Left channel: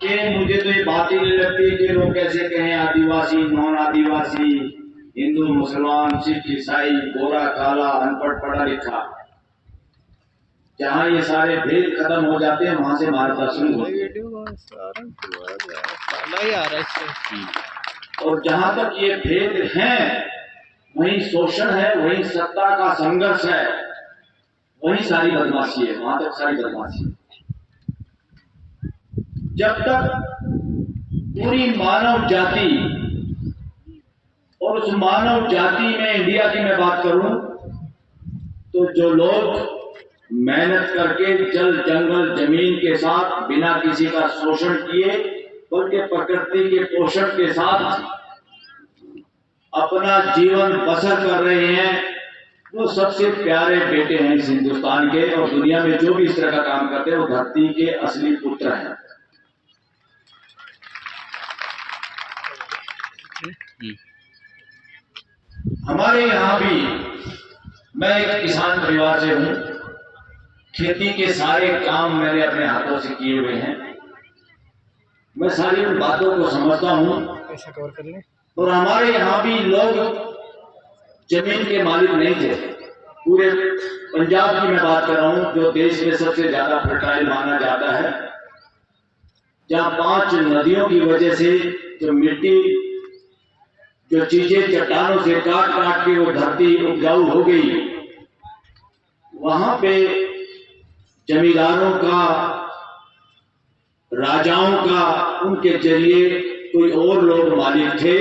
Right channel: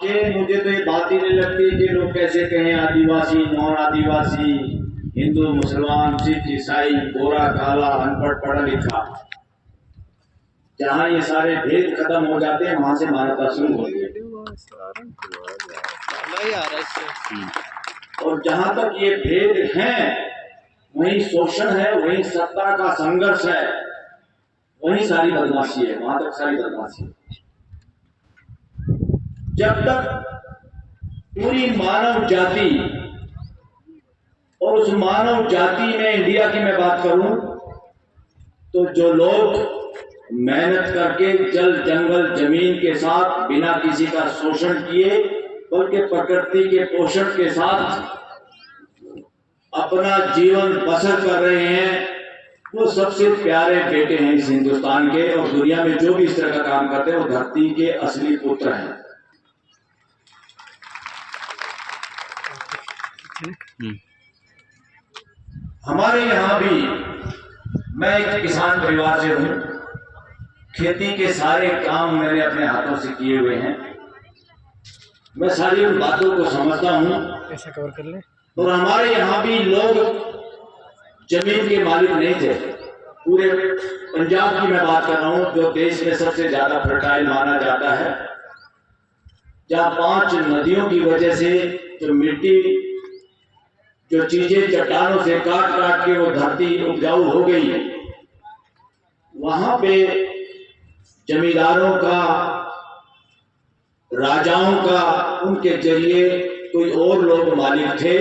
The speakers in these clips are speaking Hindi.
कि मुझे तो ये बात ही नहीं लगती कि लोग कैसे कहें आदिवासी, नॉन आदिवासी, हिंदू, मुसलमान, सिख, ईसाई, गोरा, काला, अनपढ़, पढ़ा लिखा। जहाँ ये सारे भेद खत्म हो जाते हैं वहां से मानवता शुरू होती है। और जहां तक ये भेद हैं वहीं शोषण है, वहीं सत्ता का संघर्ष है, वहीं सारी बदमाशी है, वहां तक सारी बदमाशी है। जब तक पूरी मानव जाति, और उस मानव जाति में इंडिया की मैं बात करूं तो जो लोग मेहनत करके जल जंगल जमीन के साथ बिना किसी का शोषण किए बल्कि प्रकृति के पोषण के साथ अपना जीवन बसर कर रहे हैं, वो सबसे प्यारे बेटे हैं इस हिंदुस्तान के। और दुनिया में जो भी इस तरह का काम करते हैं वो धरती के असली पुत्र हैं। हमारे यहाँ भी, मैं एक किसान परिवार से हूँ, खेती के सारे काम मैंने अपने हाथों से किए हुए हैं। मैं सारी उन बातों को समझता हूँ। ऐसा कवर कर ले। और हमारे यहाँ भी लोग जमीन के मालिक नहीं थे। पूरे पंजाब की मैं बात कर रहा हूँ जो देश में सबसे ज्यादा फर्टाइल माना जाता है, जहाँ 5 नदियों की वजह से जो मिट्टी, जो चीजें चट्टानों से काट काट के वो धरती उपजाऊ हो गई, वहां पे जमींदारों का, राजाओं का, उनके जरिए कोई और लोग मालिक थे।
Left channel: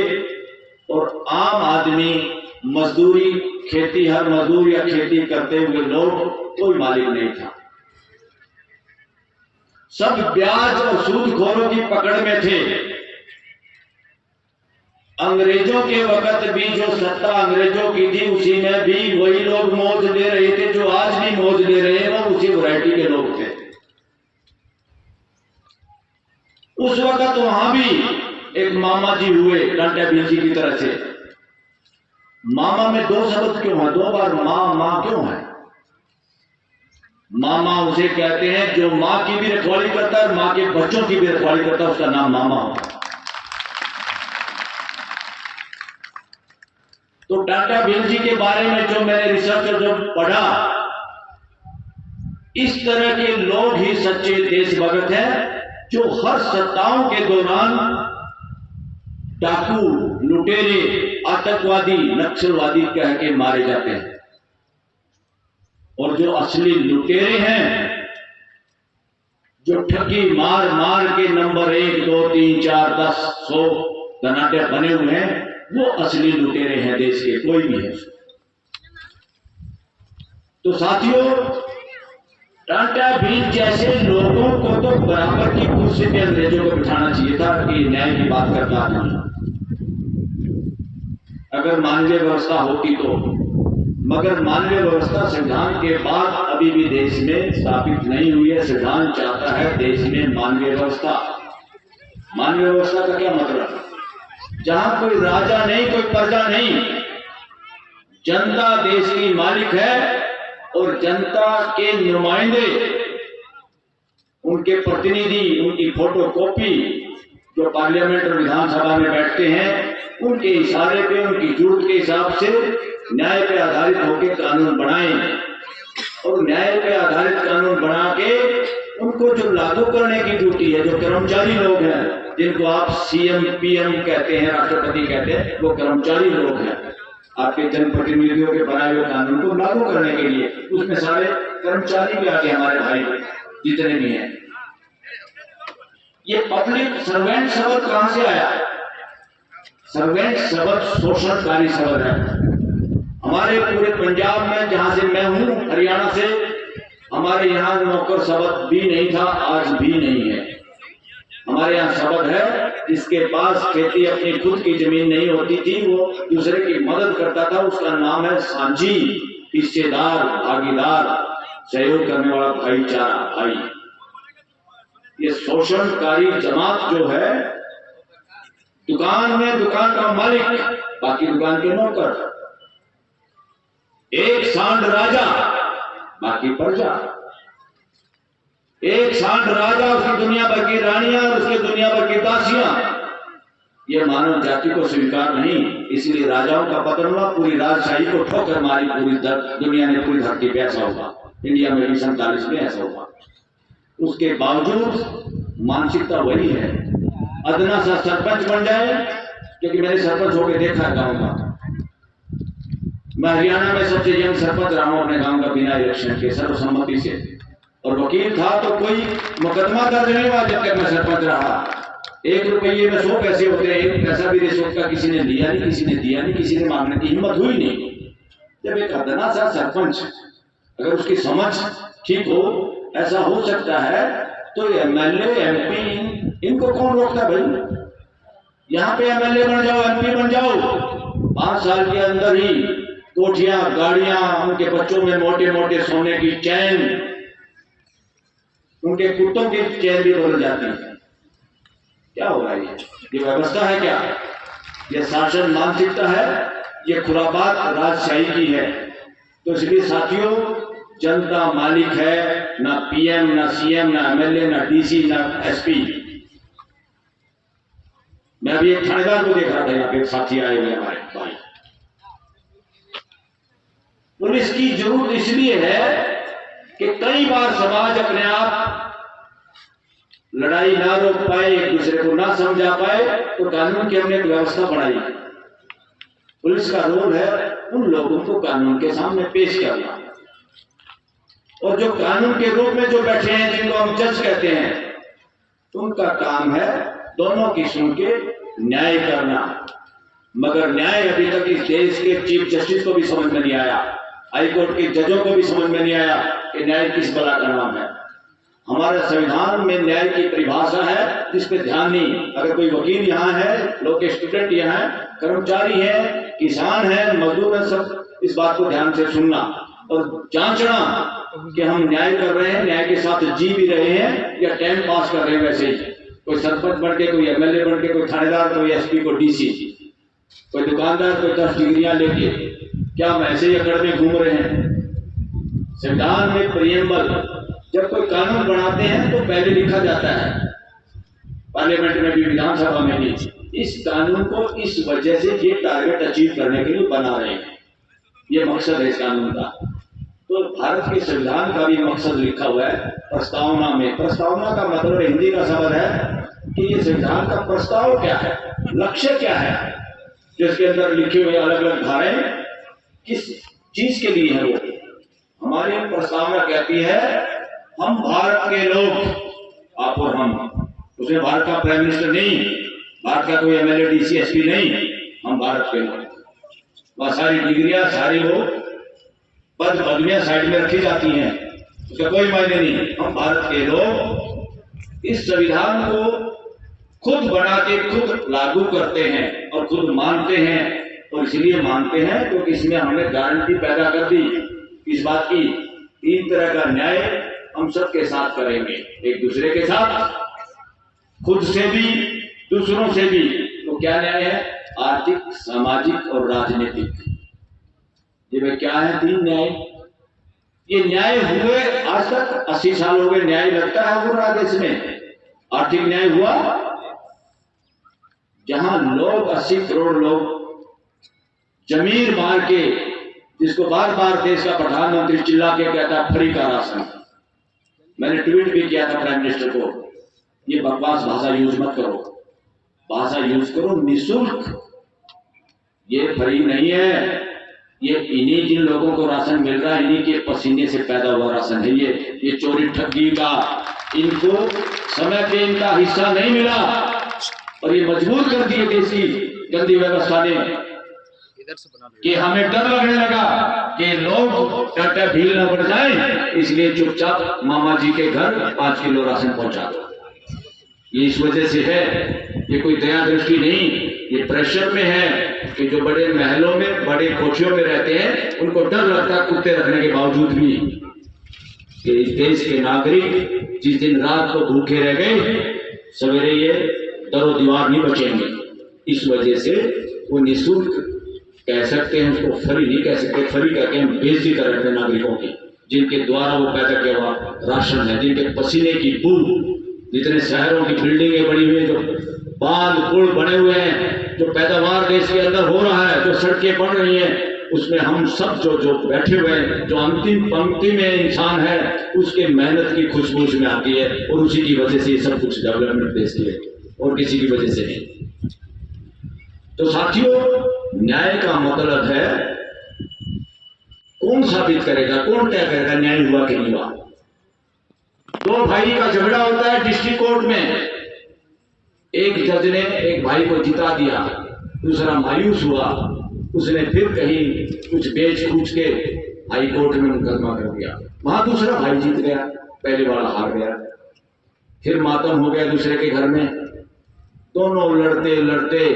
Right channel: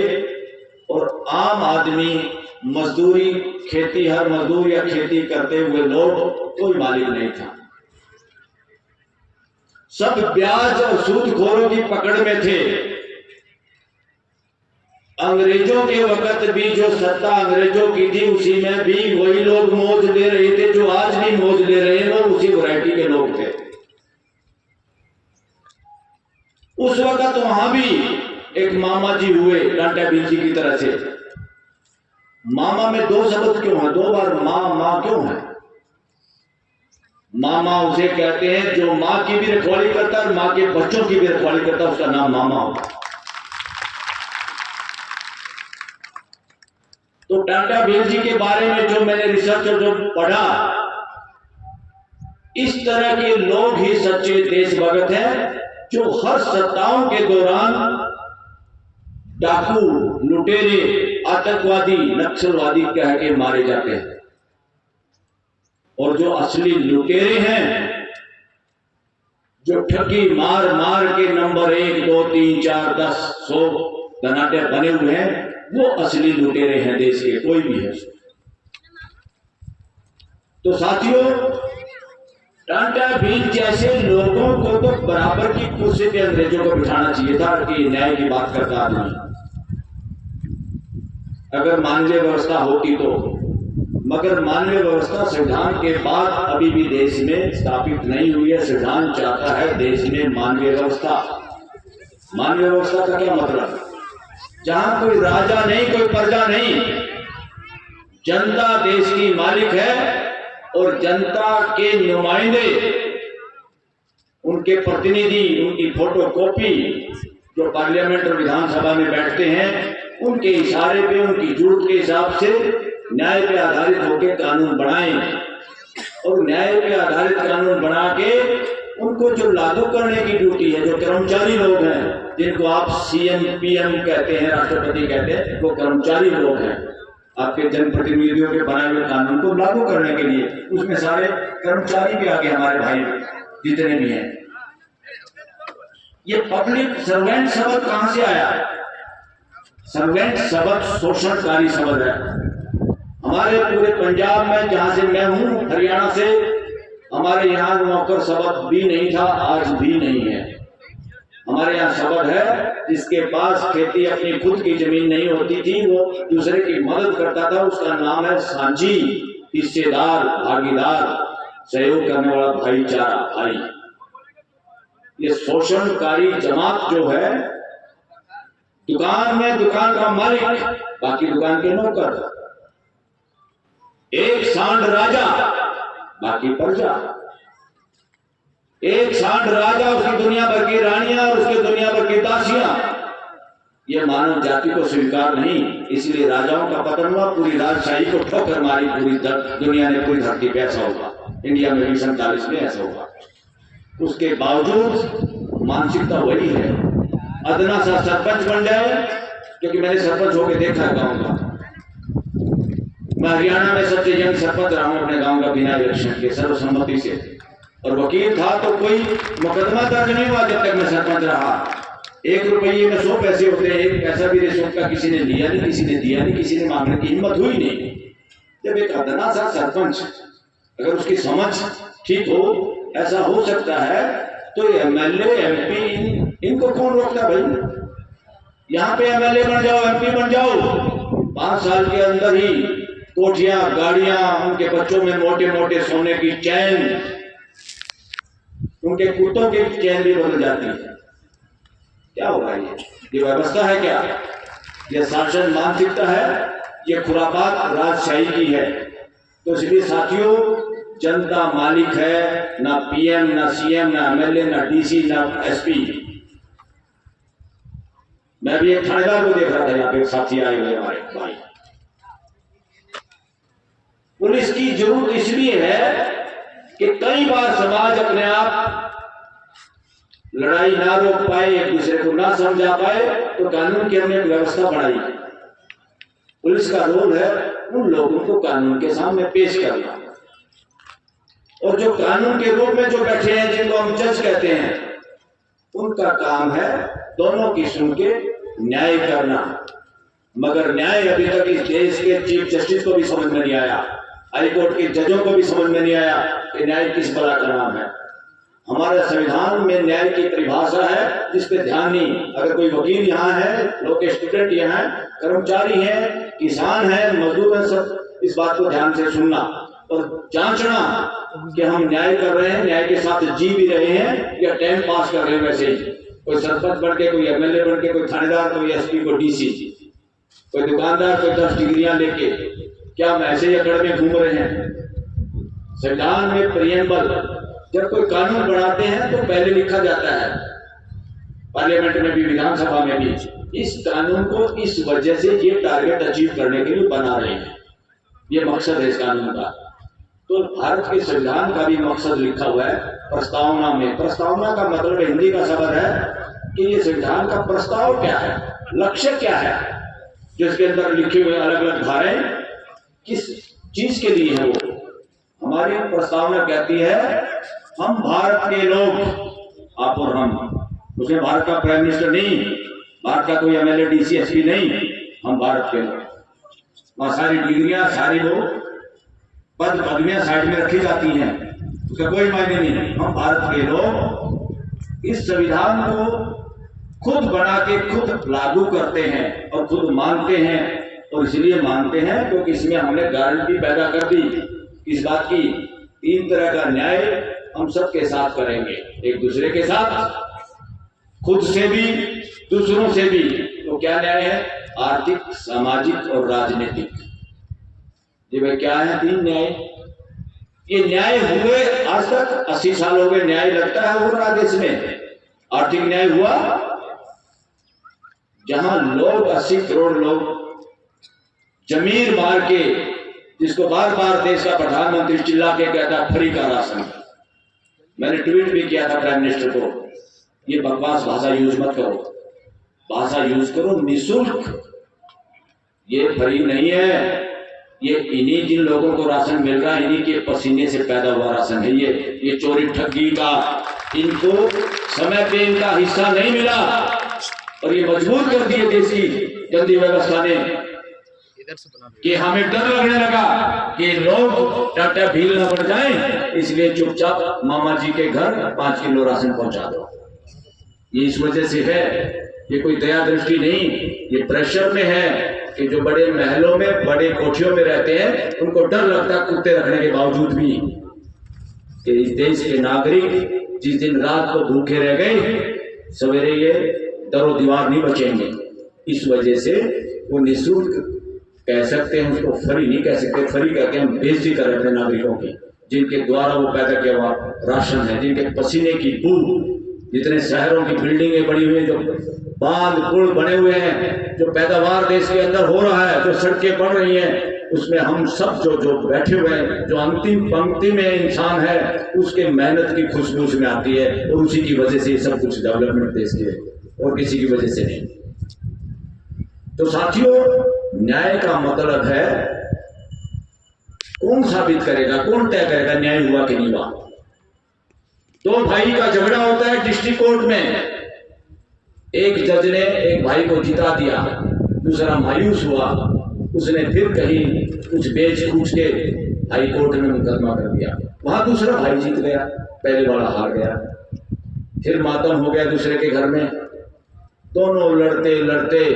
और आम आदमी, मजदूरी, खेती, हर मजदूर या खेती करते हुए लोग, कोई मालिक नहीं था। सब ब्याज और सूदखोरों की पकड़ में थे। अंग्रेजों के वक्त भी जो सत्ता अंग्रेजों की थी उसी में भी वही लोग मौज ले रहे थे जो आज भी मौज ले रहे हैं, वो उसी वैरायटी के लोग थे। उस वक्त वहां भी एक मामा जी हुए टाटा भील जी की तरह से। मामा में 2 शब्द क्यों है, 2 बार माँ माँ क्यों है? मामा उसे कहते हैं जो माँ की भी रखवाली करता है और माँ के बच्चों की भी रखवाली करता है, उसका नाम मामा होता है। तो टाटा भील जी के बारे में जो मैंने रिसर्च और जो पढ़ा, इस तरह के लोग ही सच्चे देशभक्त हैं जो हर सत्ताओं के दौरान डाकू, लुटेरे, आतंकवादी, नक्सलवादी कह के मारे जाते हैं। और जो असली लुटेरे हैं, जो ठगी मार मार के नंबर 1, 2, 3, 4, 10, 100 धनाढ्य बने हुए हैं, वो असली लुटेरे हैं देश के, कोई भी है। तो साथियों, टाटा भील जैसे लोगों को तो बराबर की कुर्सी पे अंग्रेजों को बिठाना चाहिए था कि न्याय की बात करता आदमी, अगर मानवीय व्यवस्था होती तो। मगर मानवीय व्यवस्था संविधान के बाद अभी भी देश में स्थापित नहीं हुई है। संविधान चाहता है देश में मानवीय व्यवस्था। मानवीय व्यवस्था का क्या मतलब? जहां कोई राजा नहीं, कोई प्रजा नहीं, जनता देश की मालिक है और जनता के नुमाइंदे, उनके प्रतिनिधि, उनकी फोटोकॉपी जो पार्लियामेंट और विधानसभा में बैठते हैं, उनके इशारे पे, उनकी जूठ के हिसाब से न्याय पे आधारित होकर कानून बनाएं। और न्याय पे आधारित कानून बना के उनको जो लागू करने की ड्यूटी है, जो कर्मचारी लोग हैं, जिनको आप सीएम पीएम कहते हैं, राष्ट्रपति कहते हैं, वो कर्मचारी लोग हैं। आपके जनप्रतिनिधियों के बनाए हुए कानून को लागू करने के लिए उसमें सारे कर्मचारी भी आगे, हमारे भाई जितने भी हैं। ये पब्लिक सर्वेंट शब्द कहां से आया? सर्वेंट शब्द शोषणकारी शब्द है। हमारे पूरे पंजाब में, जहां से मैं हूं, हरियाणा से, हमारे यहाँ नौकर शब्द भी नहीं था, आज भी नहीं है। हमारे यहाँ शब्द है जिसके पास खेती अपनी खुद की जमीन नहीं होती थी, वो दूसरे की मदद करता था, उसका नाम है सांझी, हिस्सेदार, भागीदार, सहयोग करने वाला, भाईचारा, भाई। ये शोषणकारी जमात जो है, दुकान में दुकान का मालिक, बाकी दुकान के नौकर, एक सांड राजा, बाकी प्रजा। एक सांड राजा, उसकी दुनिया भर की रानियां और उसके दुनिया भर की दासियां। यह मानव जाति को स्वीकार नहीं, इसलिए राजाओं का पतन हुआ, पूरी राजशाही को ठोकर मारी पूरी दुनिया ने, पूरी धरती पे ऐसा हुआ। इंडिया में 1947 में ऐसा हुआ। उसके बावजूद मानसिकता वही है, अदना सा सरपंच बन जाए, क्योंकि मैंने सरपंच होकर देखा है गाँव का। मैं हरियाणा में सबसे यंग सरपंच रहा हूं अपने गांव का, बिना इलेक्शन के, सर्वसम्मति से। और वकील था तो कोई मुकदमा दर्ज नहीं हुआ जब तक मैं सरपंच रहा। 1 रुपये में 100 पैसे होते हैं, 1 पैसा भी रिश्वत का किसी ने लिया नहीं, किसी ने दिया नहीं, किसी ने मांगने की हिम्मत हुई नहीं। जब एक अदना सा सरपंच, अगर उसकी समझ ठीक हो, ऐसा हो सकता है, तो एमएलए एमपी इनको कौन रोकता भाई? यहाँ पे एमएलए बन जाओ, एमपी बन जाओ, 5 साल के अंदर ही कोठियां, गाड़ियां, उनके बच्चों में मोटे मोटे सोने की चैन, उनके कुत्तों की चैन भी बदल जाती है। क्या हो रहा है? ये व्यवस्था है क्या? ये शासन मानसिकता है, ये खुरापात राजशाही की है। तो इसलिए साथियों, जनता मालिक है, ना पीएम, ना सीएम, ना एमएलए, ना डीसी, ना एसपी। मैं भी एक थानेदार को देख रहा था, यहाँ पे साथी आए हुए हमारे भाई। पुलिस की जरूरत इसलिए है कि कई बार समाज अपने आप लड़ाई ना रोक पाए, एक दूसरे को ना समझा पाए, तो कानून की हमने एक व्यवस्था बनाई। पुलिस का रोल है उन लोगों को कानून के सामने पेश करना, और जो कानून के रूप में जो बैठे हैं, जिनको हम जज कहते हैं, उनका काम है दोनों की सुन के न्याय करना। मगर न्याय अभी तक इस देश के चीफ जस्टिस को भी समझ में नहीं आया, हाई कोर्ट के जजों को भी समझ में नहीं आया कि न्याय किस बला का नाम है। हमारे संविधान में न्याय की परिभाषा है, जिस पे ध्यान नहीं। अगर कोई वकील यहाँ है, लोग के स्टूडेंट यहाँ है, कर्मचारी हैं, किसान हैं, मजदूर हैं, सब इस बात को ध्यान से सुनना और जांचना कि हम न्याय कर रहे हैं, न्याय के साथ जी भी रहे हैं, या टाइम पास कर रहे हैं वैसे ही। कोई सरपंच बन के, कोई एमएलए बन के, कोई थानेदार, कोई एसपी, कोई डीसी, कोई दुकानदार, कोई 10 डिग्रियां लेके, क्या हम ऐसे ही अकड़ में घूम रहे हैं? संविधान में प्रियम्बल, जब कोई कानून बनाते हैं तो पहले लिखा जाता है, पार्लियामेंट में भी, विधानसभा में भी, इस कानून को इस वजह से ये टारगेट अचीव करने के लिए बना रहे हैं, ये मकसद है इस कानून का। तो भारत के संविधान का भी मकसद लिखा हुआ है प्रस्तावना में। प्रस्तावना का मतलब हिंदी का शब्द है कि ये संविधान का प्रस्ताव क्या है, लक्ष्य क्या है, जो इसके अंदर लिखे हुए अलग अलग धाराएं किस चीज के लिए है। वो हमारी प्रस्तावना कहती है, हम भारत के लोग, आप और हम, उसमें भारत का प्राइम मिनिस्टर नहीं, भारत का कोई एमएलए, डीसी, एसपी नहीं, हम भारत के लोग। वहां सारी डिग्रियां, सारे लोग, पद पदवियां साइड में रखी जाती हैं, उसका कोई मायने नहीं। हम भारत के लोग इस संविधान को खुद बना के खुद लागू करते हैं और खुद मानते हैं, और इसलिए मानते हैं क्योंकि इसमें हमने गारंटी पैदा कर दी इस बात की, 3 तरह का न्याय हम सबके साथ करेंगे, एक दूसरे के साथ, खुद से भी, दूसरों से भी। तो क्या न्याय है? आर्थिक, सामाजिक और राजनीतिक। ये वे क्या है? 3 न्याय। ये न्याय हुए आज तक 80 साल हो गए, न्याय लगता है हो रहा देश में। आर्थिक न्याय हुआ जहां लोग, 80 करोड़ लोग जमीर मार के, जिसको बार बार देश का प्रधानमंत्री चिल्ला के कहता फ्री का राशन। मैंने ट्वीट भी किया था प्राइम मिनिस्टर को, ये बकवास भाषा यूज मत करो, भाषा यूज करो निःशुल्क। ये फ्री नहीं है, ये इन्हीं जिन लोगों को राशन मिल रहा है, इन्हीं के पसीने से पैदा हुआ राशन है। ये चोरी ठगी का, इनको समय पे इनका हिस्सा नहीं मिला, और ये मजबूर कर दिए देश की गंदी व्यवस्था ने कि हमें डर लगने लगा कि लोग टाटा भील न पड़ जाए, इसलिए चुपचाप मामा जी के घर 5 किलो राशन पहुंचा दो। ये इस वजह से है, ये कोई दया दृष्टि नहीं, ये प्रेशर में है कि जो बड़े महलों में, बड़े कोठियों में रहते हैं, उनको डर लगता है कुत्ते रखने के बावजूद भी कि इस देश के नागरिक जिस दिन रात को भूखे रह गए, सवेरे ये दरो दीवार नहीं बचेंगे। इस वजह से वो निःशुल्क कह सकते हैं, उसको फ्री नहीं कह सकते। फ्री करके हम बेइज्जती कर रहे थे नागरिकों की। जिनके द्वारा वो पैदा किया हुआ राशन है, जिनके पसीने की बू, जितने शहरों की बिल्डिंगें बनी हुई हैं, जो बांध पुल बने हुए हैं, जो पैदावार देश के अंदर हो रहा है, जो सड़कें बन रही हैं, उसमें हम सब जो बैठे हुए हैं, जो अंतिम पंक्ति में इंसान है, उसके मेहनत की खुशबू उसमें आती है और उसी की वजह से ये सब कुछ डेवलपमेंट देश की है और किसी की वजह से नहीं। तो साथियों, न्याय का मतलब है कौन साबित करेगा, कौन तय करेगा न्याय हुआ कि नहीं हुआ। दो भाई का झगड़ा होता है डिस्ट्रिक्ट कोर्ट में, एक जज ने एक भाई को जिता दिया, दूसरा मायूस हुआ, उसने फिर कहीं कुछ बेच कूच के हाई कोर्ट में मुकदमा कर दिया, वहां दूसरा भाई जीत गया, पहले वाला हार गया, फिर मातम हो गया दूसरे के घर में, दोनों लड़ते लड़ते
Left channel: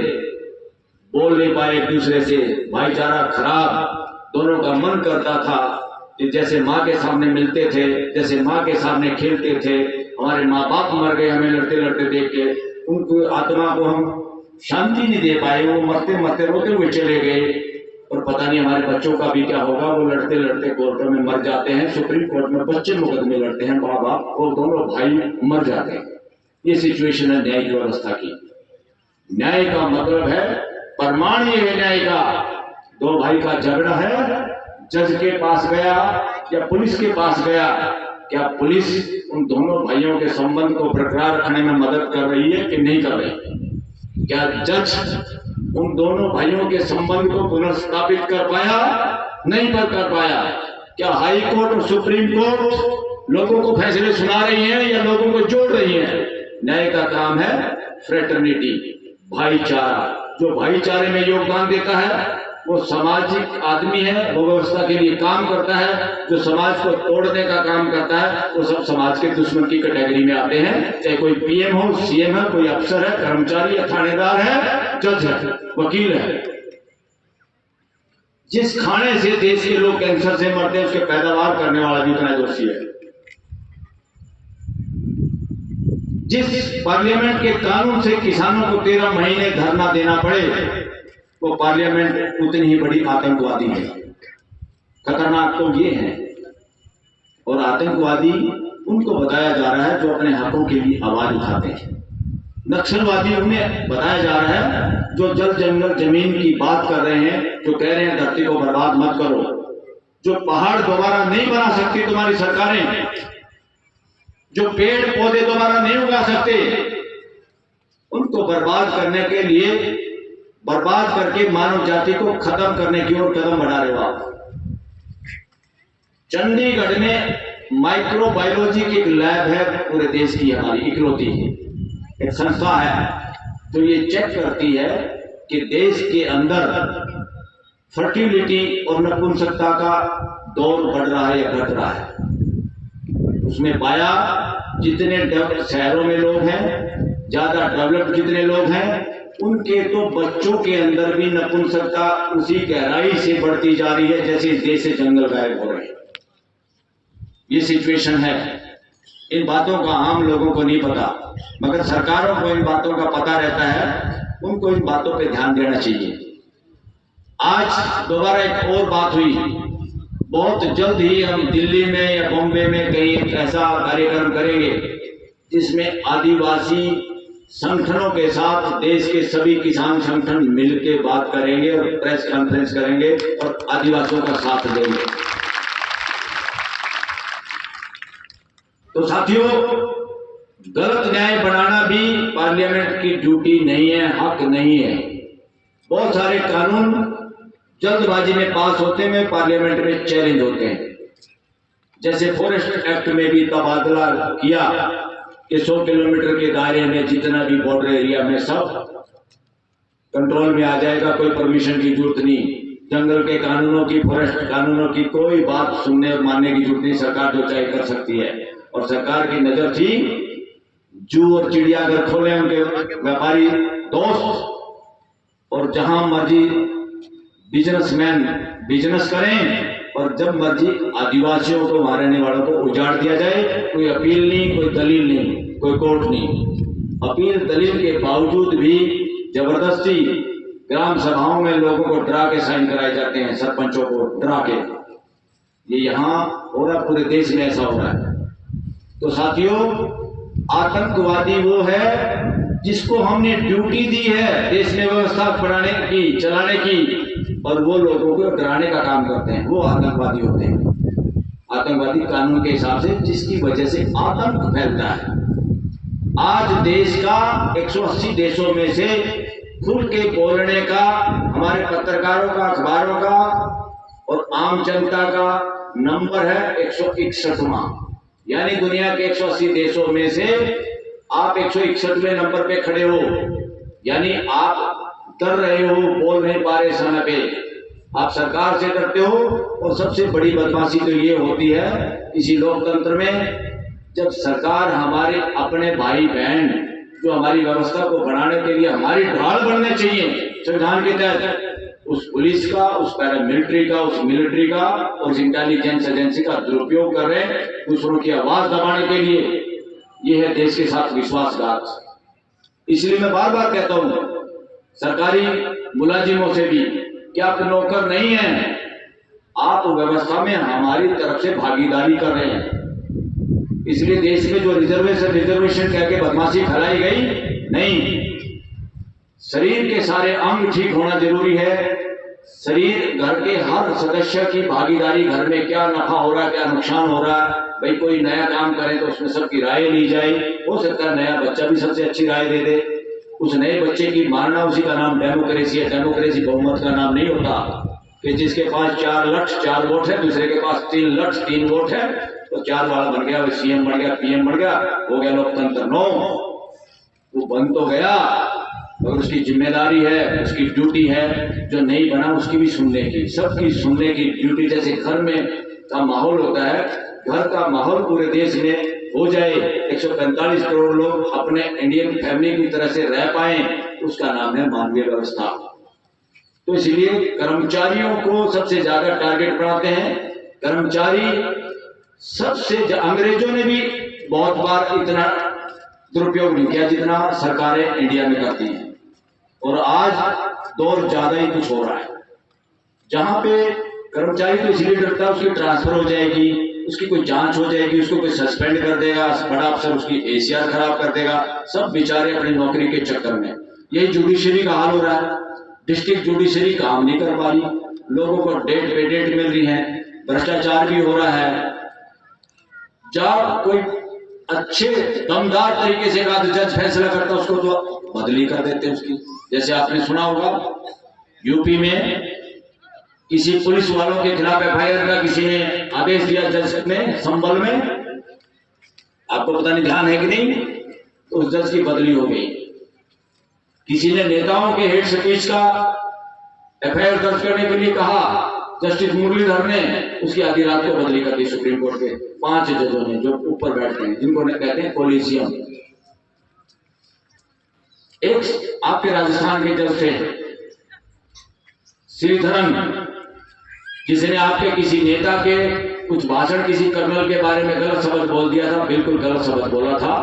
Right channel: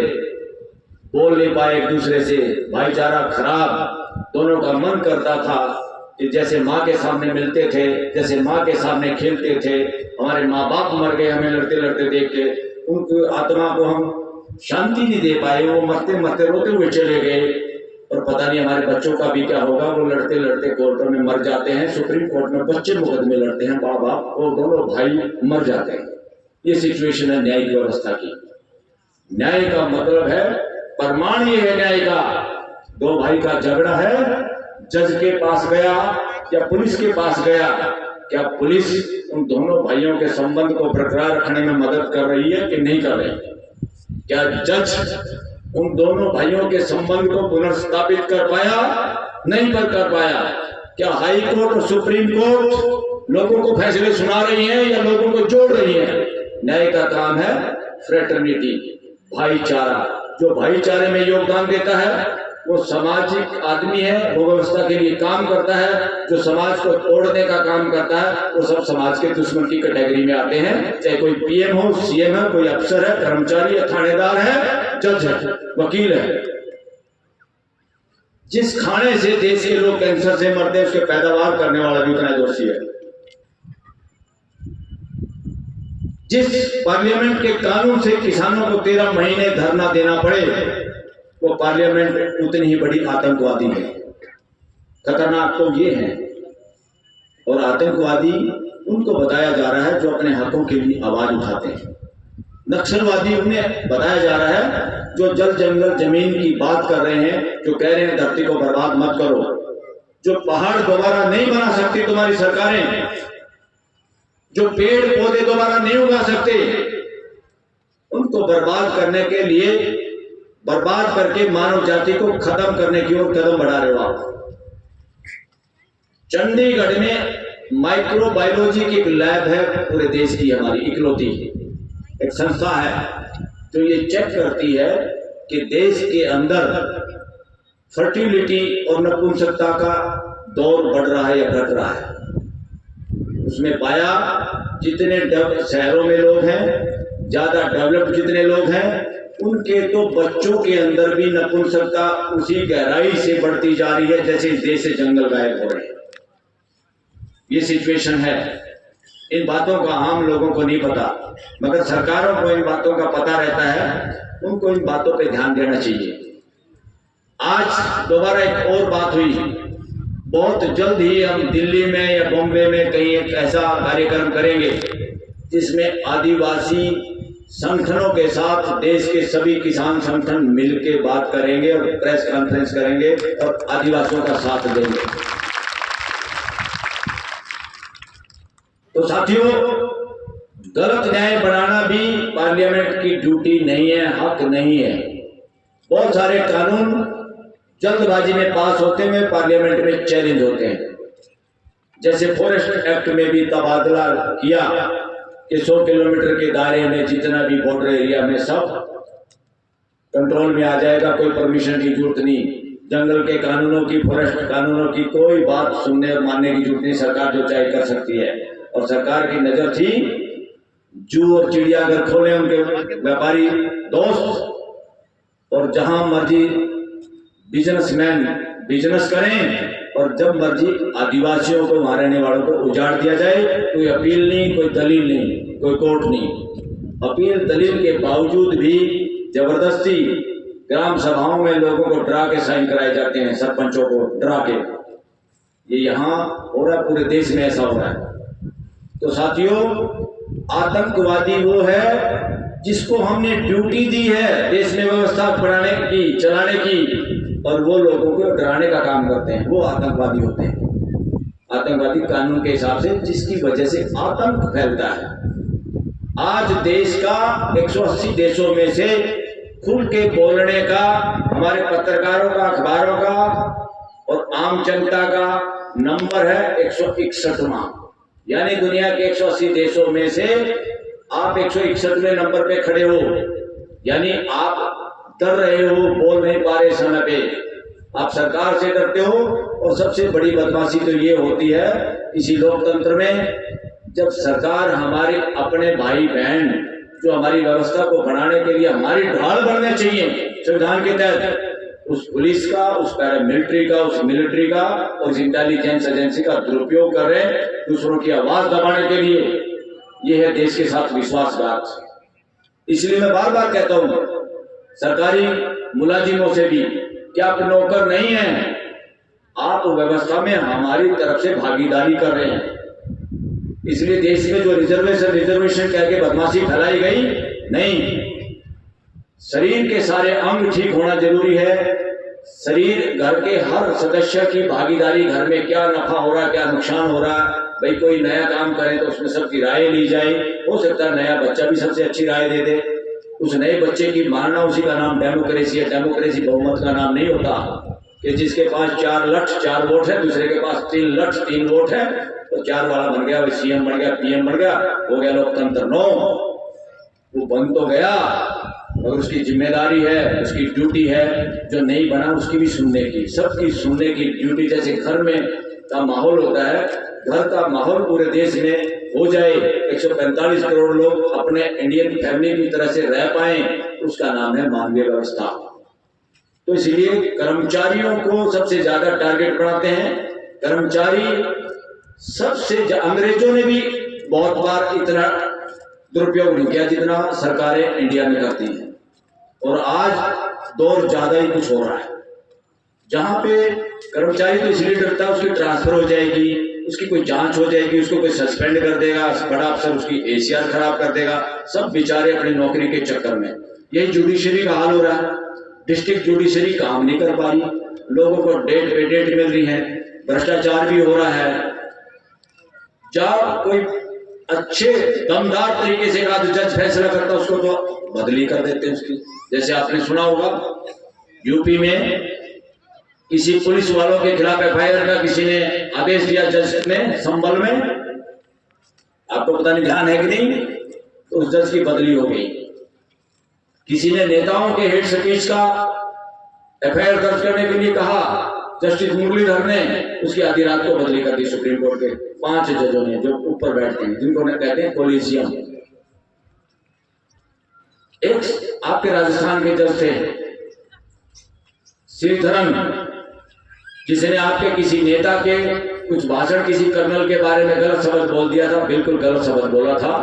बोल नहीं पाए एक दूसरे से, भाईचारा खराब, दोनों का मन करता था कि जैसे माँ के सामने मिलते थे, जैसे माँ के सामने खेलते थे, हमारे माँ बाप मर गए हमें लड़ते लड़ते देख के, उनको आत्मा को हम शांति नहीं दे पाए, वो मरते मरते रोते हुए चले गए, और पता नहीं हमारे बच्चों का भी क्या होगा, वो लड़ते लड़ते कोर्टों में मर जाते हैं, सुप्रीम कोर्ट में बच्चे मुकदमे लड़ते हैं, माँ बाप और दोनों भाई मर जाते हैं। ये सिचुएशन है न्यायिक व्यवस्था की। न्याय का मतलब है, प्रमाण ये है न्याय का, दो भाई का झगड़ा है, जज के पास गया या पुलिस के पास गया, क्या पुलिस उन दोनों भाइयों के संबंध को बरकरार रखने में मदद कर रही है कि नहीं कर रही? क्या जज उन दोनों भाइयों के संबंध को पुनर्स्थापित कर पाया? नहीं कर पाया। क्या हाई कोर्ट और सुप्रीम कोर्ट लोगों को फैसले सुना रही हैं या लोगों को जोड़ रही हैं? न्याय का काम है फ्रेटर्निटी, भाईचारा। जो भाईचारे में योगदान देता है वो सामाजिक आदमी है, वो व्यवस्था के लिए काम करता है। जो समाज को तोड़ने का काम करता है वो सब समाज के दुश्मन की कैटेगरी में आते हैं, चाहे कोई पीएम हो, सीएम है, कोई अफसर है, कर्मचारी है, थानेदार है, जज है, वकील है। जिस खाने से देश के लोग कैंसर से मरते हैं उसके पैदावार करने वाला भी उतना दोषी है। जिस पार्लियामेंट के कानून से किसानों को 13 महीने धरना देना पड़े, वो पार्लियामेंट उतनी ही बड़ी आतंकवादी है। खतरनाक तो ये है, और आतंकवादी उनको बताया जा रहा है जो अपने हकों के लिए आवाज उठाते हैं। नक्सलवादी उन्हें बताया जा रहा है जो जल जंगल जमीन की बात कर रहे हैं, जो कह रहे हैं धरती को बर्बाद मत करो, जो पहाड़ दोबारा नहीं बना सकती तुम्हारी सरकारें, जो पेड़ पौधे दोबारा नहीं उगा सकते, उनको बर्बाद करने के लिए, बर्बाद करके मानव जाति को खत्म करने की ओर कदम बढ़ा रहे हो आप। चंडीगढ़ में माइक्रोबायोलॉजी की एक लैब है, पूरे देश की हमारी इकलौती एक संस्था है जो ये चेक करती है कि देश के अंदर फर्टिलिटी और नपुंसकता का दौर बढ़ रहा है या घट रहा है। उसमें पाया जितने शहरों में लोग हैं, ज्यादा डेवलप्ड जितने लोग हैं, उनके तो बच्चों के अंदर भी नपुंसकता उसी गहराई से बढ़ती जा रही है जैसे इस देश से जंगल गायब हो रहे हैं। ये सिचुएशन है। इन बातों का आम लोगों को नहीं पता, मगर सरकारों को इन बातों का पता रहता है, उनको इन बातों पे ध्यान देना चाहिए। आज दोबारा एक और बात हुई, बहुत जल्द ही हम दिल्ली में या बॉम्बे में कहीं एक ऐसा कार्यक्रम करेंगे जिसमें आदिवासी संगठनों के साथ देश के सभी किसान संगठन मिलकर बात करेंगे और प्रेस कॉन्फ्रेंस करेंगे और आदिवासियों का साथ देंगे। तो साथियों, गलत न्याय बनाना भी पार्लियामेंट की ड्यूटी नहीं है, हक नहीं है। बहुत सारे कानून जल्दबाजी में पास होते हैं, पार्लियामेंट में चैलेंज होते हैं। जैसे फॉरेस्ट एक्ट में भी तबादला किया कि 100 किलोमीटर के दायरे में जितना भी बॉर्डर एरिया में सब कंट्रोल में आ जाएगा, कोई परमिशन की जरूरत नहीं। जंगल के कानूनों की, फॉरेस्ट कानूनों की कोई बात सुनने और मानने की जरूरत नहीं, सरकार जो चाहे कर सकती है। और सरकार की नजर थी जू और चिड़ियाघर खोले उनके व्यापारी दोस्त, और जहां मर्जी बिजनेसमैन बिजनेस करें और जब मर्जी आदिवासियों को, वहां रहने वालों को उजाड़ दिया जाए। कोई अपील नहीं, कोई दलील नहीं, कोई कोर्ट नहीं। अपील दलील के बावजूद भी जबरदस्ती ग्राम सभाओं में लोगों को डरा के साइन कराए जाते हैं, सरपंचों को डरा के। ये यहाँ हो रहा है, पूरे देश में ऐसा हो रहा है। तो साथियों, आतंकवादी वो है जिसको हमने ड्यूटी दी है देश में व्यवस्था बनाने की, चलाने की, और वो लोगों को डराने का काम करते हैं, वो आतंकवादी होते हैं। आतंकवादी कानून के हिसाब से जिसकी वजह से आतंक फैलता है। आज देश का 180 देशों में से खुल के बोलने का, हमारे पत्रकारों का, अखबारों का और आम जनता का नंबर है 161वां। यानी दुनिया के 180 देशों में से आप 161वें नंबर पे खड़े हो। यानी आप डर रहे हो, बोल नहीं पा रहे समय पे, आप सरकार से डरते हो। और सबसे बड़ी बदमाशी तो ये होती है इसी लोकतंत्र में, जब सरकार हमारे अपने भाई बहन जो हमारी व्यवस्था को बढ़ाने के लिए हमारी ढाल बनने चाहिए संविधान के तहत, उस पुलिस का, उस पैरामिलिट्री का, उस मिलिट्री का और उस इंटेलिजेंस एजेंसी का दुरुपयोग कर रहे हैं दूसरों की आवाज दबाने के लिए। यह है देश के साथ विश्वासघात। इसलिए मैं बार बार कहता हूं सरकारी मुलाजिमों से भी कि आप नौकर नहीं हैं, आप व्यवस्था में हमारी तरफ से भागीदारी कर रहे हैं। इसलिए देश में जो रिजर्वेशन कह के बदमाशी फैलाई गई, नहीं, शरीर के सारे अंग ठीक होना जरूरी है। शरीर, घर के हर सदस्य की भागीदारी, घर में क्या नफा हो रहा है, क्या नुकसान हो रहा है, भाई कोई नया काम करे तो उसमें सबकी राय ली जाए। हो सकता है नया बच्चा भी सबसे अच्छी राय दे दे, उस नए बच्चे की मानना, उसी का नाम डेमोक्रेसी है। डेमोक्रेसी बहुमत का नाम नहीं होता कि जिसके पास 4 लठ 4 वोट है, दूसरे के पास 3 लठ 3 वोट है, तो 4 वाला बन गया, वो सीएम बन गया, पीएम बन गया, हो गया लोकतंत्र। नो, वो बन तो गया मगर उसकी जिम्मेदारी है, उसकी ड्यूटी है जो नहीं बना उसकी भी सुनने की, सबकी सुनने की ड्यूटी। जैसे घर में का माहौल होता है, घर का माहौल पूरे देश में हो जाए, 145 करोड़ लोग अपने इंडियन फैमिली की तरह से रह पाए, उसका नाम है मानवीय व्यवस्था। तो इसलिए कर्मचारियों को सबसे ज्यादा टारगेट बनाते हैं। कर्मचारी सबसे, अंग्रेजों ने भी बहुत बार इतना दुरुपयोग नहीं किया जितना सरकारें इंडिया में करती हैं। और आज दौर ज्यादा ही कुछ हो रहा है, जहां पे कर्मचारी तो इसलिए डरता है उसकी ट्रांसफर हो जाएगी, उसकी कोई जांच हो जाएगी, उसको कोई सस्पेंड कर देगा, बड़ा अफसर उसकी एसीआर खराब कर देगा, सब बेचारे अपनी नौकरी के चक्कर में। यही जुडिशरी का हाल हो रहा है। डिस्ट्रिक्ट जुडिशरी काम नहीं कर पा रही, लोगों को डेट पे डेट मिल रही है, भ्रष्टाचार भी हो रहा है। जब कोई अच्छे दमदार तरीके से जज फैसला करता उसको तो बदली कर देते हैं उसकी। जैसे आपने सुना होगा यूपी में किसी पुलिस वालों के खिलाफ एफआईआर का किसी ने आदेश दिया जज में, संबल में, आपको पता नहीं ध्यान है कि नहीं, तो उस जज की बदली हो गई। किसी ने नेताओं के हेड स्पीच का एफआईआर दर्ज करने के लिए कहा, जस्टिस मुरलीधर ने उसकी आधी रात को बदली कर दी सुप्रीम कोर्ट के 5 जजों ने जो ऊपर बैठते हैं, जिनको कहते हैं कोलिजियम। एक आपके राजस्थान के जज थे श्रीधरन, जिसने आपके किसी नेता के कुछ भाषण, किसी कर्नल के बारे में गलत शब्द बोल दिया था, बिल्कुल गलत शब्द बोला था,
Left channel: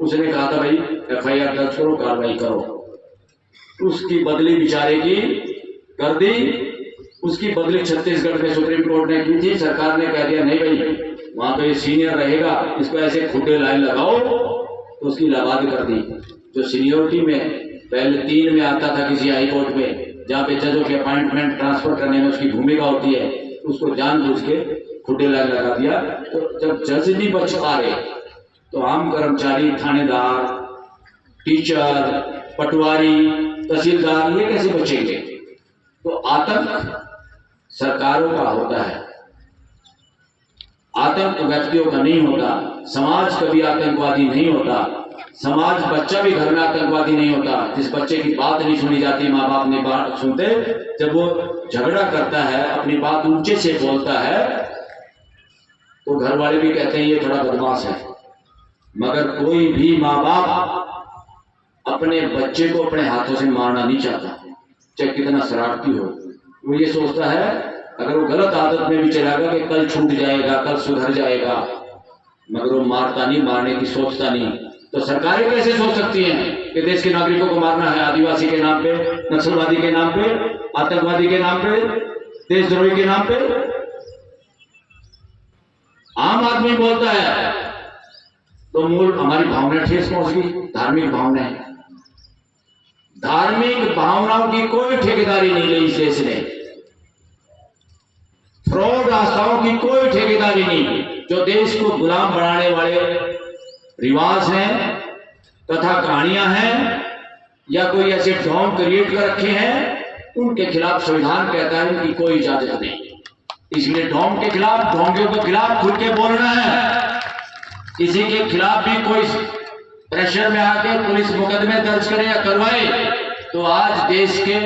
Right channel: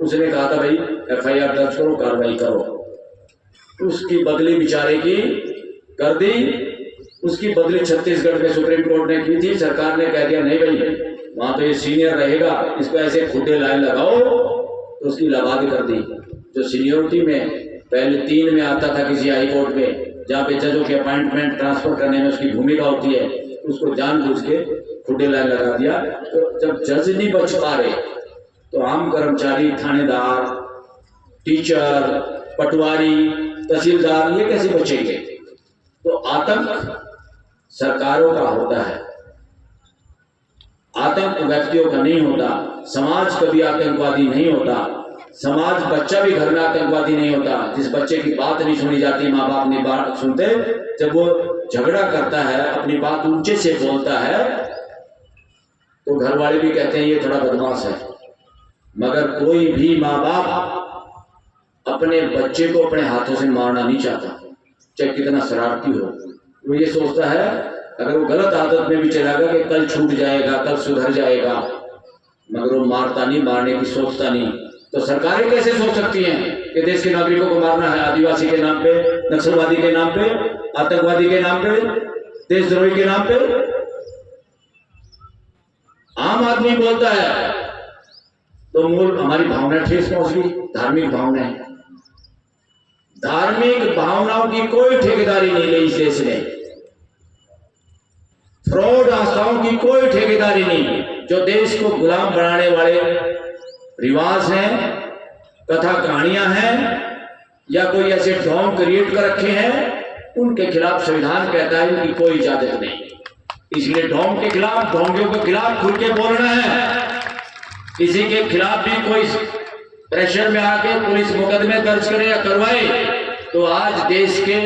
उसने कहा था भाई एफआईआर दर्ज करो, कार्रवाई करो। उसकी बदली बेचारे की कर दी। उसकी बदली छत्तीसगढ़ में सुप्रीम कोर्ट ने की थी, सरकार ने कह दिया नहीं भाई वहां तो ये सीनियर रहेगा, इसको ऐसे खुदे लाइन लगाओ, तो उसकी लबाद कर दी। जो सीनियोरिटी में पहले 3 में आता था किसी हाई कोर्ट में, जहाँ पे जजों की अपॉइंटमेंट ट्रांसफर करने में उसकी भूमिका होती है, उसको जानबूझ के खुदे लाइन लगा दिया। तो जब जज नहीं बच पा रहे तो आम कर्मचारी, थानेदार, टीचर, पटवारी, तहसीलदार, ये कैसे बचेंगे? तो आतंक सरकारों का होता है, आतंक व्यक्तियों का नहीं होता। समाज कभी आतंकवादी नहीं होता, समाज, बच्चा भी घर में आतंकवादी नहीं होता। जिस बच्चे की बात नहीं सुनी जाती, माँ बाप नहीं बात सुनते, जब वो झगड़ा करता है, अपनी बात ऊंचे से बोलता है, तो घर वाले भी कहते हैं ये थोड़ा बदमाश है। मगर कोई भी माँ बाप अपने बच्चे को अपने हाथों से मारना नहीं चाहता, चाहे कितना शरारती हो। वो ये सोचता है अगर वो गलत आदत में भी चला गया कि कल छूट जाएगा, कल सुधर जाएगा, मगर वो मारता नहीं, मारने की सोचता नहीं। तो सरकारें कैसे सोच सकती हैं कि देश के नागरिकों को मारना है? आदिवासी के नाम पे, नक्सलवादी के नाम पे, आतंकवादी के नाम पे, देशद्रोही के नाम पे। आम आदमी बोलता है तो मूल हमारी भावना ठेस पहुंच गई। धार्मिक भावनाएं, धार्मिक भावनाओं की कोई ठेकेदारी नहीं ली इस देश ने। फ्रॉड आस्थाओं की कोई ठेकेदारी नहीं। जो देश को गुलाम बनाने वाले रिवाज हैं, कथा कहानियां हैं, या कोई ऐसे ढोंग क्रिएट कर रखे हैं, उनके खिलाफ संविधान कहता है उनकी कोई इजाजत नहीं। इसलिए ढोंग के खिलाफ, ढोंगियों के खिलाफ खुल के बोलना है। किसी के खिलाफ भी कोई प्रेशर में आके पुलिस मुकदमे दर्ज करे या करवाए तो आज देश के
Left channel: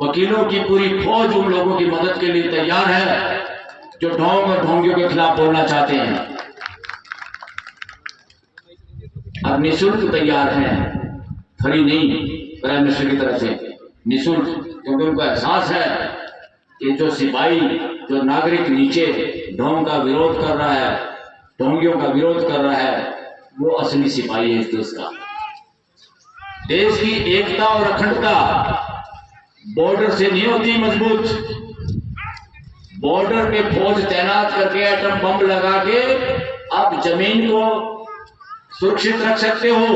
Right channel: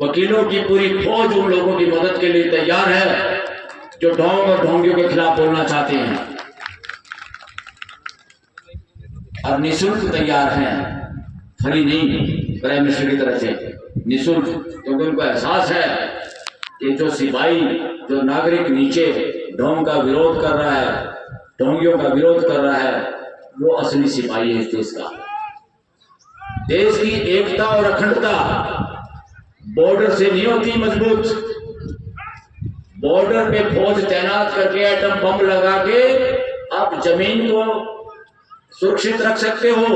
वकीलों की पूरी फौज उन लोगों की मदद के लिए तैयार है जो ढोंग और ढोंगियों के खिलाफ बोलना चाहते हैं, और निःशुल्क तैयार हैं, फ्री नहीं, प्राइम मिनिस्टर की तरफ से निःशुल्क, क्योंकि उनको एहसास है कि जो सिपाही, जो नागरिक नीचे ढोंग का विरोध कर रहा है, ढोंगियों का विरोध कर रहा है, वो असली सिपाही है इस देश का। देश की एकता और अखंडता बॉर्डर से नहीं होती मजबूत। बॉर्डर पे फौज तैनात करके एटम बम लगा के आप जमीन को सुरक्षित रख सकते हो,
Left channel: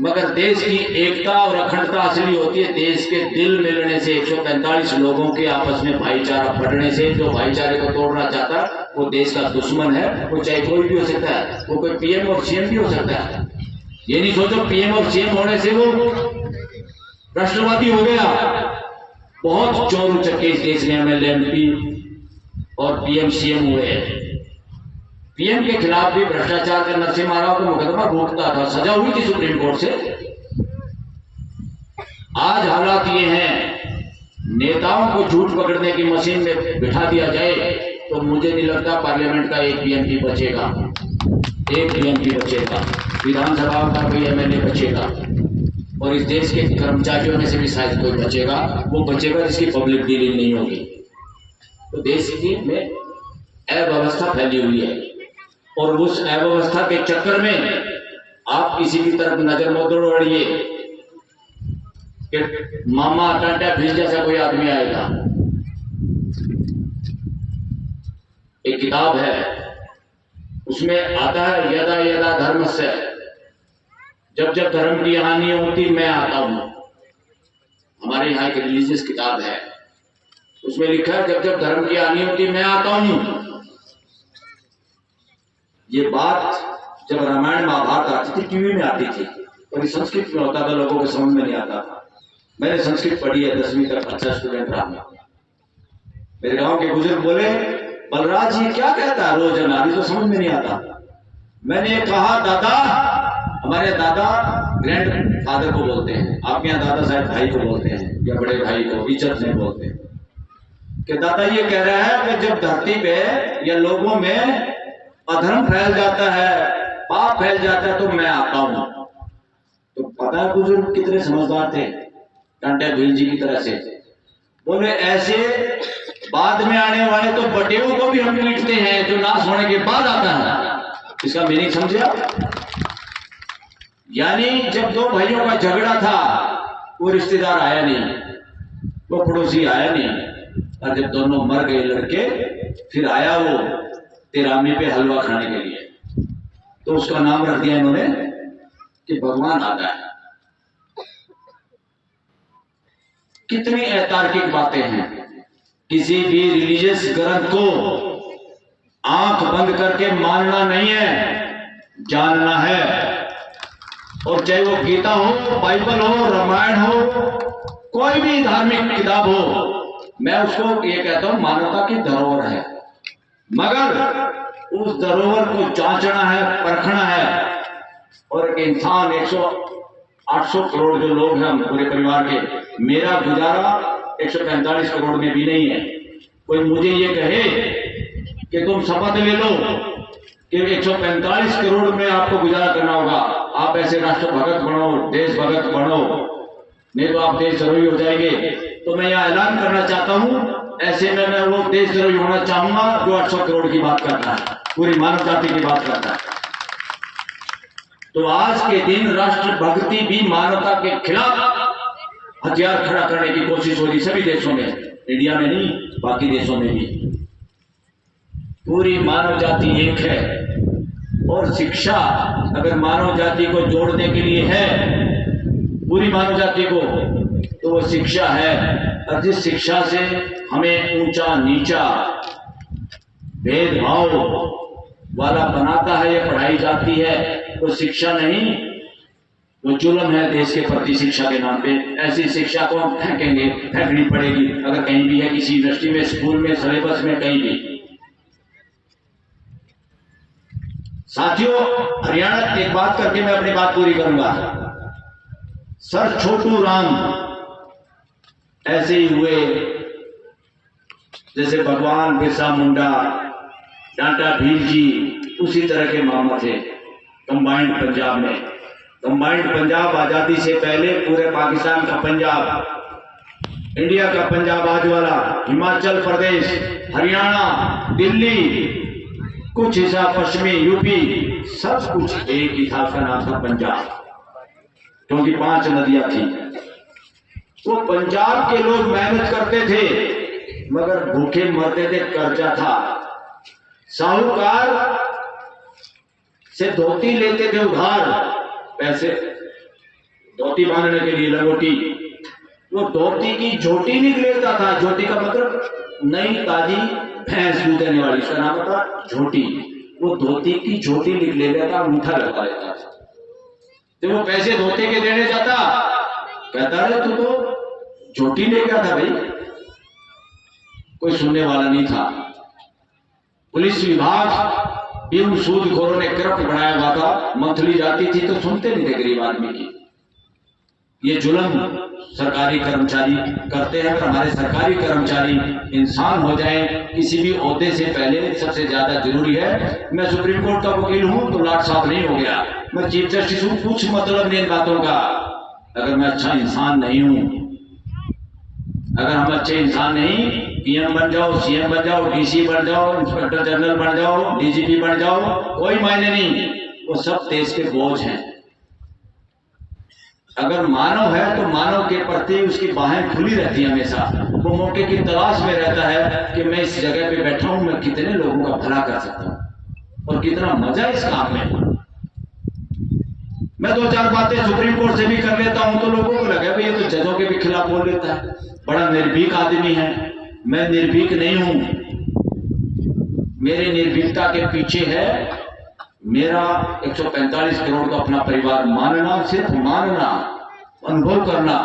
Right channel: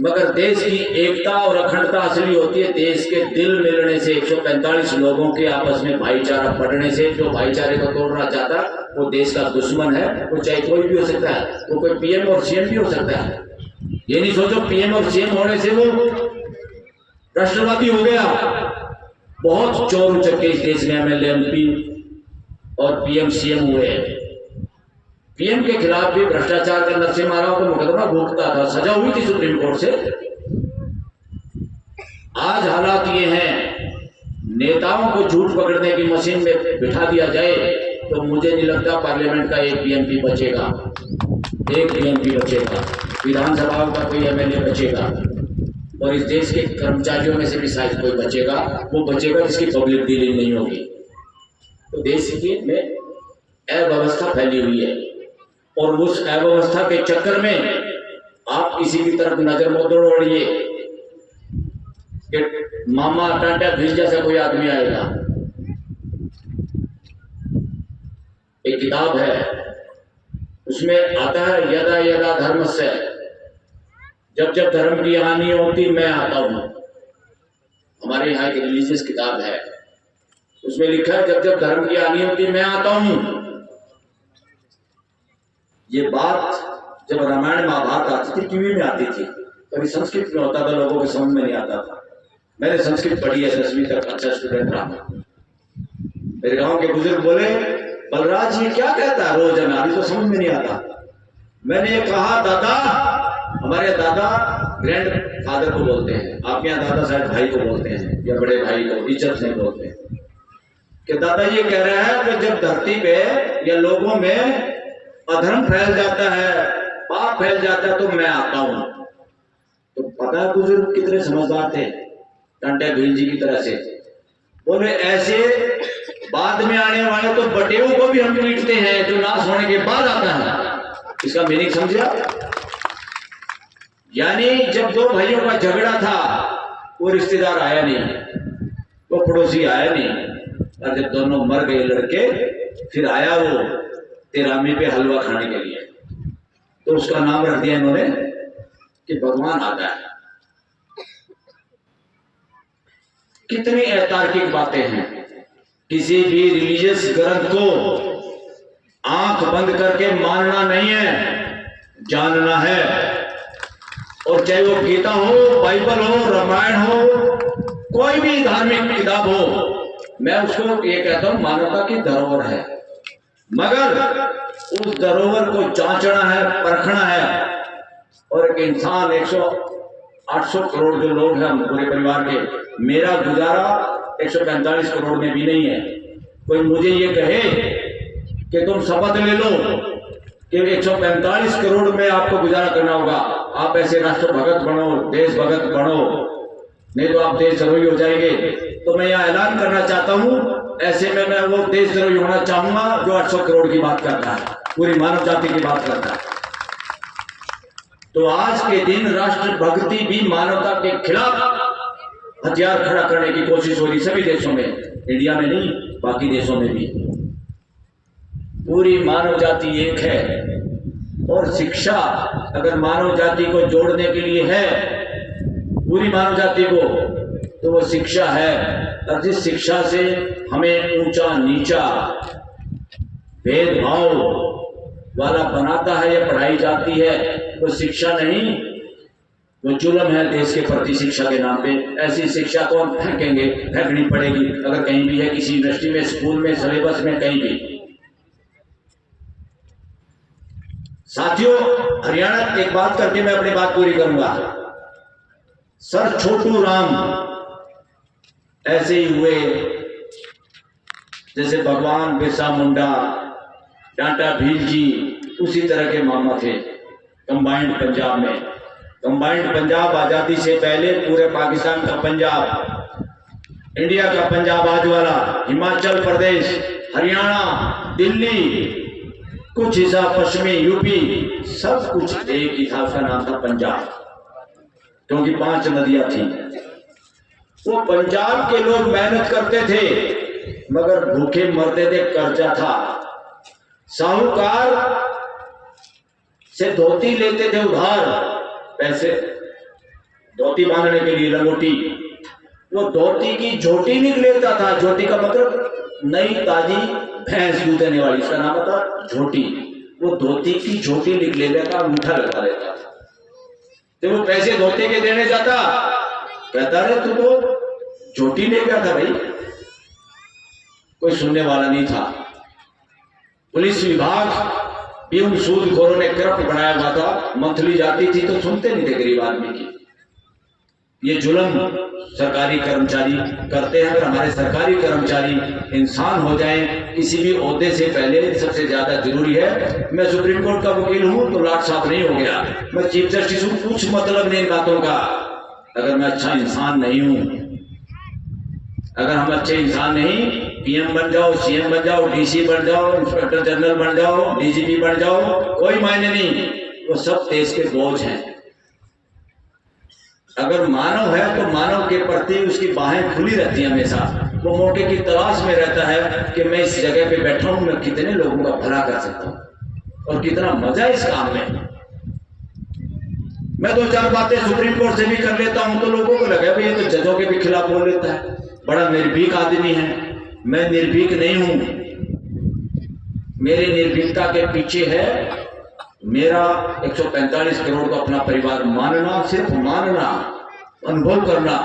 मगर देश की एकता और अखंडता असली होती है देश के दिल मिलने से, 145 लोगों के आपस में भाईचारा बढ़ने से। जो भाईचारे को तोड़ना चाहता वो देश का दुश्मन है। वो चाहे कोई भी हो सकता है, वो कोई पीएम और सीएम भी हो सकता है। ये नहीं सोचो पीएम और सीएम होने से वो राष्ट्रवादी हो गया। बहुत चोर उचक्के इस देश में एमएलए, एमपी और पीएम सीएम हुए हैं। पीएम के खिलाफ भी भ्रष्टाचार का नरसिम्हा को मुकदमा भुगता था, सजा हुई थी सुप्रीम कोर्ट से। आज हालात ये हैं, नेताओं को झूठ पकड़ने की मशीन में बिठा दिया जाए तो मुझे नहीं लगता पार्लियामेंट का एक पीएमपी बचेगा, एक पीएमपी बचेगा, विधानसभा का कोई एमएलए बचेगा, और इस देश के कर्मचारियों में से भी शायद कोई बचेगा। वो बचेगा जिसकी पब्लिक डीलिंग नहीं होगी। तो देश की में अव्यवस्था फैली हुई है, और उस अव्यवस्था के चक्कर में आप किसी की तरफ नजर मत दौड़िए कि मामा टाटा भील जैसा कोई आदमी आएगा। एक किताब है, उसमें आता है यदा यदा धर्मस्य, जब जब धर्म की हानि होती मैं आता हूं। हमारे यहाँ एक रिलीजियस किताब है, उसमें लिखा है जब जब धर्म की हानि होती मैं आता हूं। ये बात जब रामायण महाभारत आती थी टीवी में आती थी, पर ये संस्कृत में होता था, लोगों को समझ में नहीं आता था। मैंने संस्कृत पढ़ी है, 10वीं तक अच्छा स्टूडेंट रहा। मेरे गांव के बुजुर्ग बोले बलराज ये क्या कहता है रोजाना, अभी तो समझ में नहीं आता। मैंने कहा दादा, हमारे दादा ग्रैंड फादर को बोलते हैं, आपके यहाँ दादा शायद भाई को बोलते हैं या बड़े भाई को इज्जत से बोलते हैं, कि दादा ये कह रहा है कि जब धरती पे या लोगों में अधर्म फैल जाता है, पाप फैल जाता है, तो मैं आता हूं। तो पता है बुजुर्ग कितने समझदार थे, टाटा भील जी की तरह से। बोले ऐसे बाद में आने वाले तो बटेरों को भी हम पीटते हैं जो नाश होने के बाद आता है। इसका मीनिंग समझा? यानी जब दो भाइयों का झगड़ा था, वो रिश्तेदार आया नहीं, वो पड़ोसी आया नहीं, और जब दोनों मर गए लड़के, फिर आया वो तेरामी पे हलवा खाने के लिए। तो उसका नाम रख दिया इन्होंने कि भगवान आ गया। कितनी अतार्किक बातें हैं। किसी भी रिलीजियस ग्रंथ को आंख बंद करके मानना नहीं है, जानना है। और चाहे वो गीता हो, बाइबल हो, रामायण हो, कोई भी धार्मिक किताब हो, मैं उसको ये कहता हूं मानवता की धरोहर है, मगर उस धरोहर को जांचना है, परखना है। और एक इंसान 800 करोड़ जो लोग हैं पूरे परिवार के, मेरा गुजारा 145 करोड़ में भी नहीं है। कोई मुझे ये कहे कि तुम शपथ ले लो कि 145 करोड़ में आपको गुजारा करना होगा, आप ऐसे राष्ट्रभगत बनो, देशभगत बनो, नहीं तो आप देशद्रोही हो जाएंगे। तो मैं यह ऐलान करना चाहता हूं, ऐसे में मैं वो देशद्रोही होना चाहूंगा जो 800 करोड़ की बात करता है, पूरी मानव जाति की बात करता है। तो आज के दिन राष्ट्रभक्ति भी मानवता के खिलाफ हथियार खड़ा करने की कोशिश हो रही सभी देशों में, इंडिया में नहीं, बाकी देशों में भी। पूरी मानव जाति एक है और शिक्षा अगर मानव जाति को जोड़ने के लिए है, पूरी मानव जाति को, तो वो शिक्षा है। और जिस शिक्षा से हमें ऊंचा नीचा भेदभाव वाला बनाता है या पढ़ाई जाती है, वो शिक्षा नहीं, वो जुल्म है देश के प्रति शिक्षा के नाम पे। ऐसी शिक्षा को हम फेंकेंगे, फेंकनी पड़ेगी अगर कहीं भी है, किसी यूनिवर्सिटी में, स्कूल में, सिलेबस में, कहीं भी। साथियों, हरियाणा, एक बात करके मैं अपनी बात पूरी करूंगा। सर छोटू राम ऐसे ही हुए जैसे भगवान बिरसा मुंडा, टाटा भील जी, उसी तरह के मामा थे कंबाइंड पंजाब में। कंबाइंड पंजाब आजादी से पहले पूरे पाकिस्तान का पंजाब, इंडिया का पंजाब आज वाला, हिमाचल प्रदेश, हरियाणा, दिल्ली, कुछ हिस्सा पश्चिमी यूपी, सब कुछ एक ही था, उसका नाम था पंजाब, क्योंकि 5 नदियां थी। वो पंजाब के लोग मेहनत करते थे मगर भूखे मरते थे, कर्जा था। साहूकार से धोती लेते थे उधार पैसे, धोती बांधने के लिए, लंगोटी। वो धोती की झोटी निकलेता था, झोटी का मतलब नई ताजी भैंस दूध देने वाली, इसका नाम था झोटी। वो धोती की झोटी निकले लेता, अंगूठा लगा लेता था। तो वो पैसे धोते के देने जाता, कहता है तू तो झोटी ले गया था भाई। कोई सुनने वाला नहीं था। पुलिस विभाग भी उन सूदखोरों ने करप्ट बनाया हुआ था, मंथली जाती थी तो सुनते नहीं थे गरीब आदमी की। ये जुल्म सरकारी कर्मचारी करते हैं। अगर हमारे सरकारी कर्मचारी इंसान हो जाएं, किसी भी ओहदे से पहले सबसे ज्यादा जरूरी है, मैं सुप्रीम कोर्ट का वकील हूं तो लाट साफ नहीं हो गया, मैं चीफ जस्टिस हूं, कुछ मतलब नहीं इन बातों का। अगर मैं अच्छा इंसान नहीं हूं, अगर हम अच्छे इंसान नहीं, पीएम बन जाओ, सीएम बन जाओ, डीसी बन जाओ, इंस्पेक्टर जनरल बन जाओ, डीजीपी बन जाओ, कोई मायने नहीं, वो सब देश के बोझ हैं। अगर मानव है तो मानव के प्रति उसकी बाहें खुली रहती है हमेशा। वो मौके की तलाश में रहता है कि मैं इस जगह पे बैठा हूं, मैं कितने लोगों का भला कर सकता हूं और कितना मजा इस काम में। मैं 2-4 बातें सुप्रीम कोर्ट से भी कर लेता हूं तो लोगों को लगा भाई ये तो जजों के भी खिलाफ बोल लेता है, बड़ा निर्भीक आदमी है। मैं निर्भीक नहीं हूं, मेरी निर्भीकता के पीछे है मेरा 145 करोड़ का अपना परिवार मानना, सिर्फ मानना, अनुभव करना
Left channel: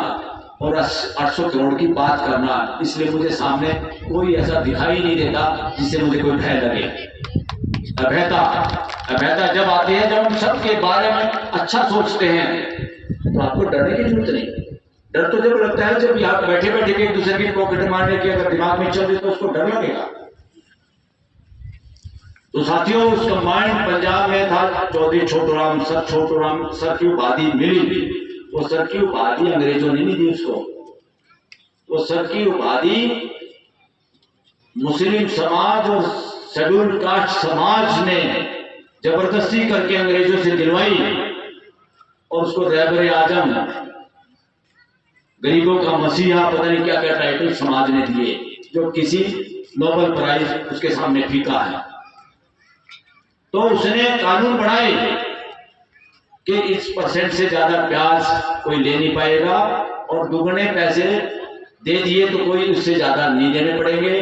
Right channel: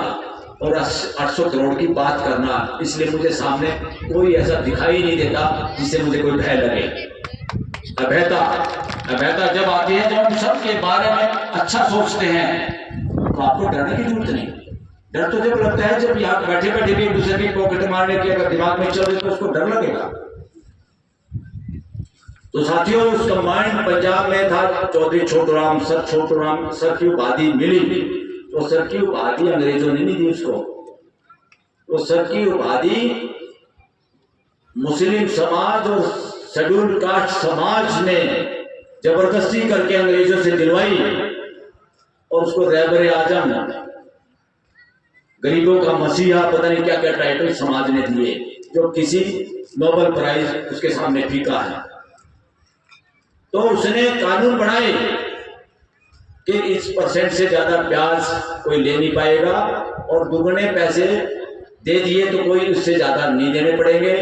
और 800 करोड़ की बात करना। इसलिए मुझे सामने कोई ऐसा दिखाई नहीं देता जिससे मुझे कोई भय लगे। अभयता जब आती है, जब हम सबके बारे में अच्छा सोचते हैं तो आपको डरने की जरूरत नहीं। डर तो जब लगता है जब यहाँ बैठे बैठे के एक दूसरे की पॉकेट मारने की अगर दिमाग में चल रही तो उसको डर लगेगा। तो साथियों, उस कंबाइंड पंजाब में था चौधरी छोटू राम, सर छोटू राम। सर की उपाधि मिली, वो सर की उपाधि अंग्रेजों ने नहीं दी उसको, वो सर की उपाधि मुस्लिम समाज और शेड्यूल कास्ट समाज ने जबरदस्ती करके अंग्रेजों से दिलवाई और उसको रहबर आजम, गरीबों का मसीहा, पता नहीं क्या क्या टाइटल समाज ने दिए, जो किसी नोबेल प्राइज उसके सामने फीका है। तो उसने कानून बनाए कि इस परसेंट से ज्यादा ब्याज कोई ले नहीं पाएगा और दुगने पैसे दे दिए तो कोई उससे ज्यादा नहीं देने पड़ेंगे।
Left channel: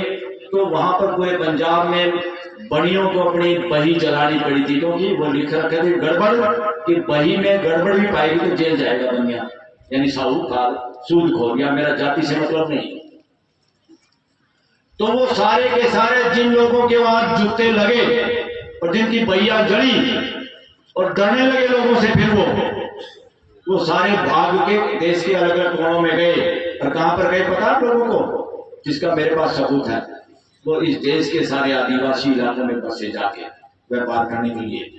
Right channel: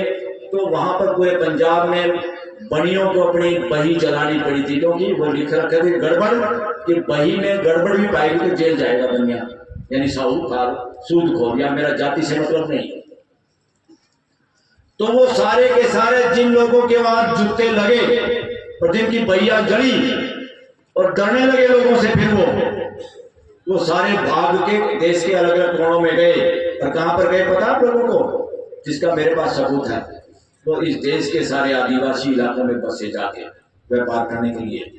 तो वहां पर पूरे पंजाब में बड़ियों को अपनी बही चलानी पड़ी थी, क्योंकि वो लिख रखे थे गड़बड़ कि बही में गड़बड़ भी पाएगी तो जेल जाएगा बनिया, यानी साहूकार, सूदखोर, या मेरा जाति से मतलब नहीं। तो वो सारे के सारे जिन लोगों के वहां जूते लगे और जिनकी बहिया जड़ी और डरने लगे लोगों से, फिर वो सारे भाग के देश के अलग अलग कोनों में गए। और कहां पर गए पता आप लोगों को, जिसका मेरे पास सबूत है, वो इस देश के सारे आदिवासी इलाकों में बसे जाके व्यापार करने के लिए।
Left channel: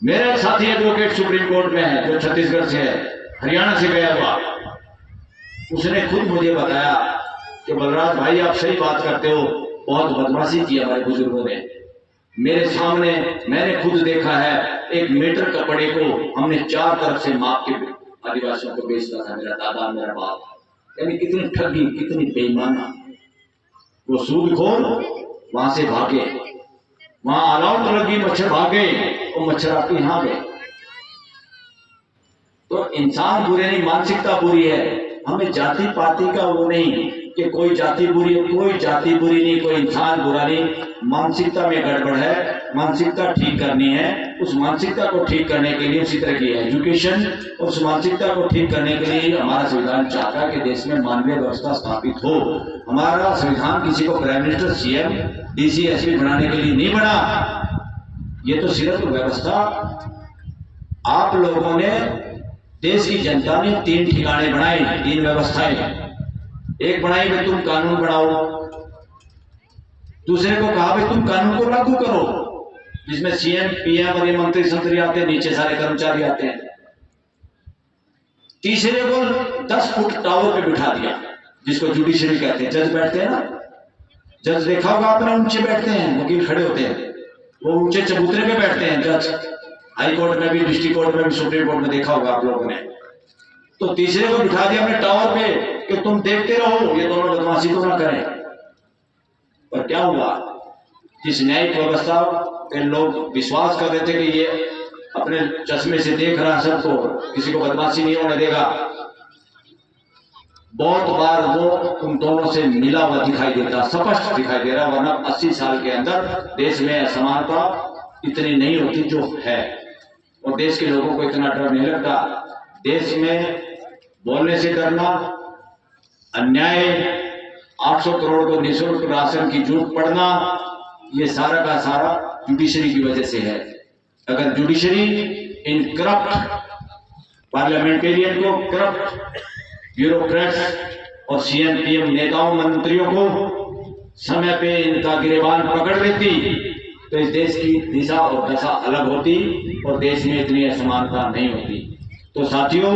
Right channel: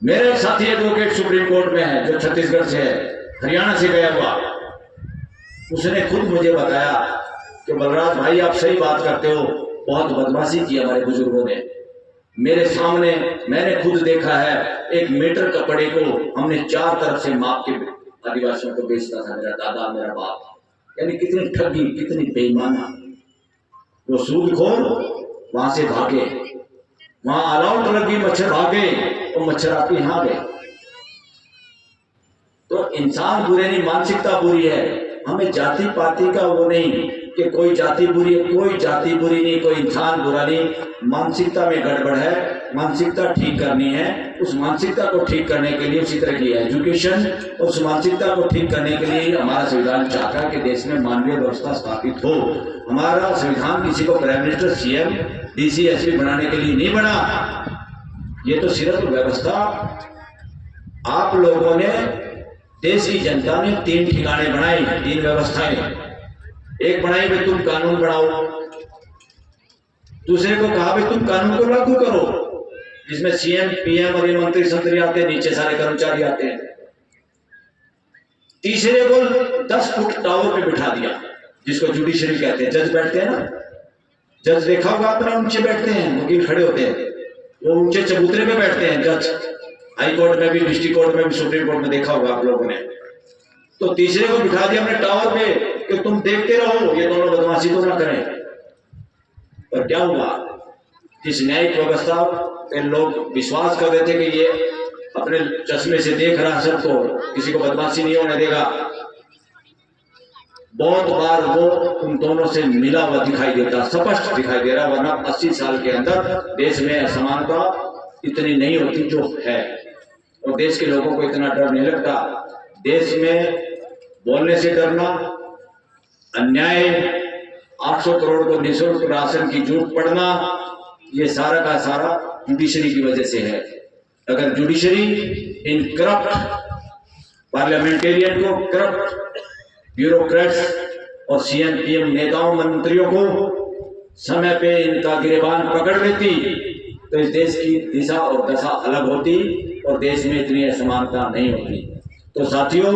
मेरे साथी एडवोकेट सुप्रीम कोर्ट में है जो छत्तीसगढ़ से है, हरियाणा से गया हुआ, उसने खुद मुझे बताया कि बलराज भाई आप सही बात करते हो, बहुत बदमाशी की हमारे बुजुर्गों ने। मेरे सामने मैंने खुद देखा है, 1 मीटर कपड़े को हमने 4 तरफ से माप के आदिवासियों को बेचता था मेरा दादा, मेरा बाप। यानी कितनी ठगी, कितनी बेईमाना। वो सूदखोर, वहां से भागे, वहां अलाउट लगी, मच्छर भागे और मच्छर आपके यहां गए। तो इंसान बुरे नहीं, मानसिकता बुरी है। हमें जाति पाति का वो नहीं कि कोई जाति बुरी है, कोई जाति बुरी नहीं, कोई इंसान बुरा नहीं। मानसिकता में गड़बड़ है, मानसिकता ठीक करनी है। उस मानसिकता को ठीक करने के लिए उसी तरह की एजुकेशन, उस मानसिकता को ठीक करने के लिए हमारा संविधान चाहता है कि देश में मानवीय व्यवस्था स्थापित हो। हमारा संविधान किसी को prime minister, CM, DC, SP बनाने के लिए नहीं बना। ये तो सिर्फ व्यवस्था आप लोगों ने, देश की जनता ने 3 ठिकाने बनाए, 3 व्यवस्थाएं। एक बनाई कि तुम कानून बनाओ, दूसरे को कहा कि तुम कानून को लागू करो, जिसमें सीएम, पीएम और मंत्री संतरी आते हैं, नीचे सारे कर्मचारी आते हैं। तीसरे को 10 फुट टावर पे बिठा दिया, जिसको जुडिशरी कहते हैं। जज बैठते हैं ना, जज देखा होगा आपने, ऊंचे बैठते हैं, वकील खड़े होते हैं, वो ऊंचे चबूतरे पे बैठते हैं जज। हाई कोर्ट में भी, डिस्ट्रिक्ट कोर्ट में भी, सुप्रीम कोर्ट में देखा होगा आप लोगों ने। तो तीसरे को बिठा दिया हमने टावर पे कि तुम देखते रहो, ये दोनों बदमाशी तो ना करें। पर क्या हुआ, जिस न्यायिक व्यवस्था पे लोग विश्वास कर रहे थे कि ये अपने चश्मे से देख रहा सबको, किसी को बदमाशी नहीं होने देगा, बहुत बार वो उन दोनों से मिला हुआ दिखाई देता, स्पष्ट दिखाई दे रहा। वरना 80 साल के अंदर देश में असमानता इतनी नहीं होती जो है, और देश के लोगों को इतना डर नहीं लगता। देश में बोलने से डरना, अन्याय, 800 करोड़ को निःशुल्क राशन की जूट पड़ना, ये सारा का सारा जुडिशरी की वजह से है। अगर जुडिशरी इन करप्ट पार्लियामेंटेरियन को, करप्ट ब्यूरोक्रेट्स और सीएम पीएम नेताओं मंत्रियों को समय पे इनका गिरेबान पकड़ लेती तो इस देश की दिशा और दशा अलग होती और देश में इतनी असमानता नहीं होती। तो साथियों,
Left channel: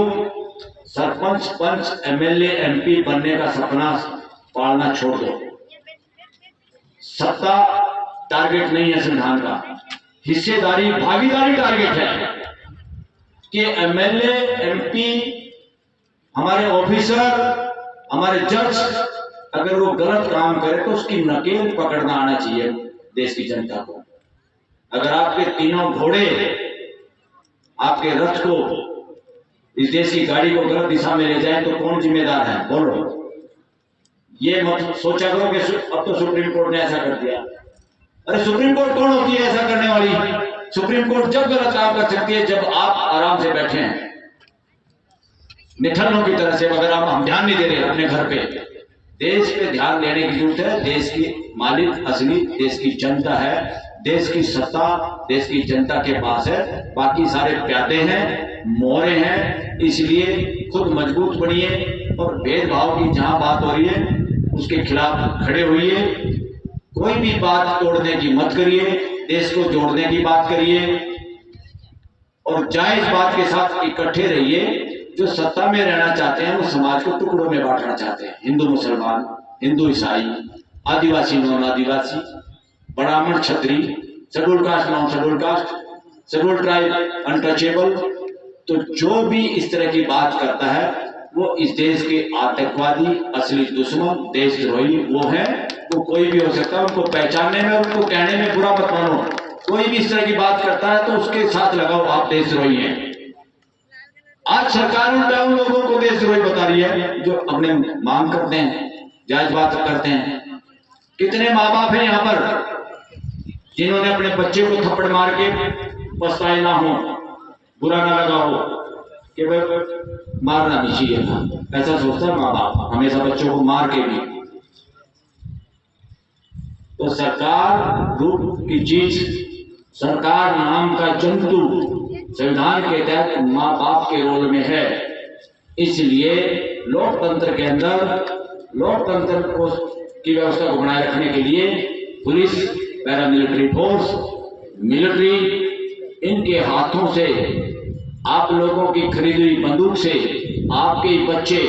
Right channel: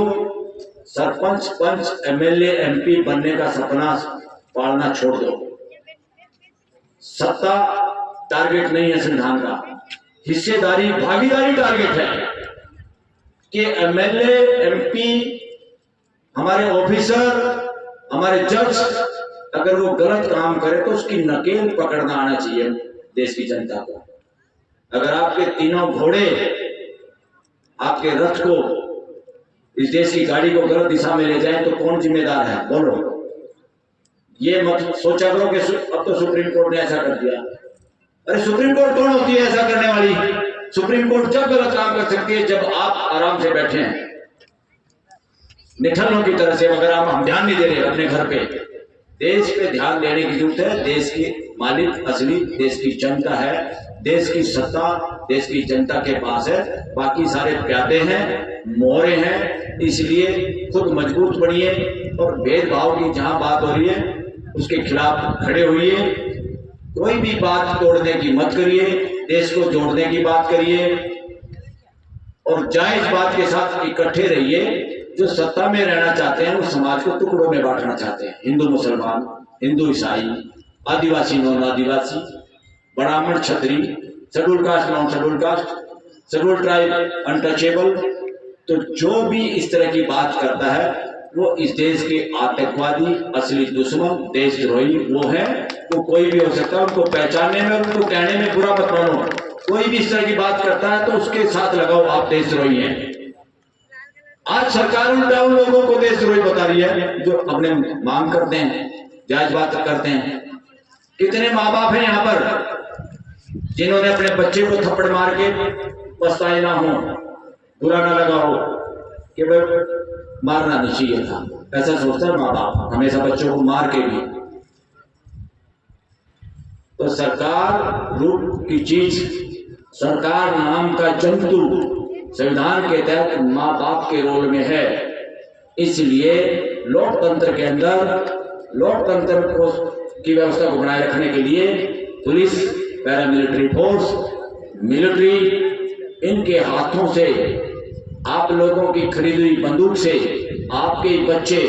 सरपंच, पंच, एमएलए, एमपी बनने का सपना पालना छोड़ दो। सत्ता टारगेट नहीं है संविधान का, हिस्सेदारी, भागीदारी टारगेट है कि एमएलए, एमपी, हमारे ऑफिसर, हमारे जज अगर वो गलत काम करे तो उसकी नकेल पकड़ना आना चाहिए देश की जनता को। अगर आपके तीनों घोड़े आपके रथ को, इस देश की गाड़ी को गलत दिशा में ले जाए तो कौन जिम्मेदार है, बोलो। ये मत सोचा करो कि अब तो सुप्रीम कोर्ट ने ऐसा कर दिया। अरे सुप्रीम कोर्ट कौन होती है ऐसा करने वाली? सुप्रीम कोर्ट जब गलत काम कर सकती है जब आप आराम से बैठे हैं निठल्लों की तरह से। अगर हम ध्यान नहीं दे रहे अपने घर पे, देश पे ध्यान देने की जरूरत है। देश की मालिक असली देश की जनता है, देश की सत्ता देश की जनता के पास है, बाकी सारे प्यादे हैं, मोहरे हैं। इसलिए खुद मजबूत बनिए और भेदभाव की जहां बात हो रही है उसके खिलाफ खड़े होइए। कोई भी बात तोड़ने की मत करिए, देश को जोड़ने की बात करिए और जायज बात के साथ इकट्ठे रहिए। जो सत्ता में रहना चाहते हैं वो समाज को टुकड़ों में बांटना चाहते हैं, हिंदू मुसलमान, हिंदू ईसाई, आदिवासी नॉन आदिवासी, ब्राह्मण क्षत्रिय, schedule caste non schedule caste, schedule tribe untouchable. तो जो भी इस तरह की बात करता है वो इस देश के आतंकवादी, असली दुश्मन, देशद्रोही वो है। वो कोई भी हो सकता है, उनको पहचानने में, उनको कहने में बुरा मत मानो। कोई भी इस तरह की बात करता है तो उसके साथ लगाओ, आप देशद्रोही हैं। आज सरकार उल्टा उन लोगों को देशद्रोही बता रही है जो अपने मांग करते हैं, जायज बात करते हैं। कितने माँ बाप हैं यहाँ पर जिन्होंने अपने बच्चे को थप्पड़ मार के पछताए ना हो, बुरा ना लगा हो कि भाई मारना नहीं चाहिए था, ऐसा सोचता है माँ बाप हमेशा बच्चों को मार के भी। तो सरकार रूप की चीज, सरकार नाम का जंतु संविधान के तहत माँ बाप के रोल में है। इसलिए लोकतंत्र के अंदर लोकतंत्र को की व्यवस्था को बनाए रखने के लिए पुलिस, पैरामिलिट्री फोर्स, मिलिट्री, इनके हाथों से आप लोगों की खरीदी बंदूक से आपके बच्चे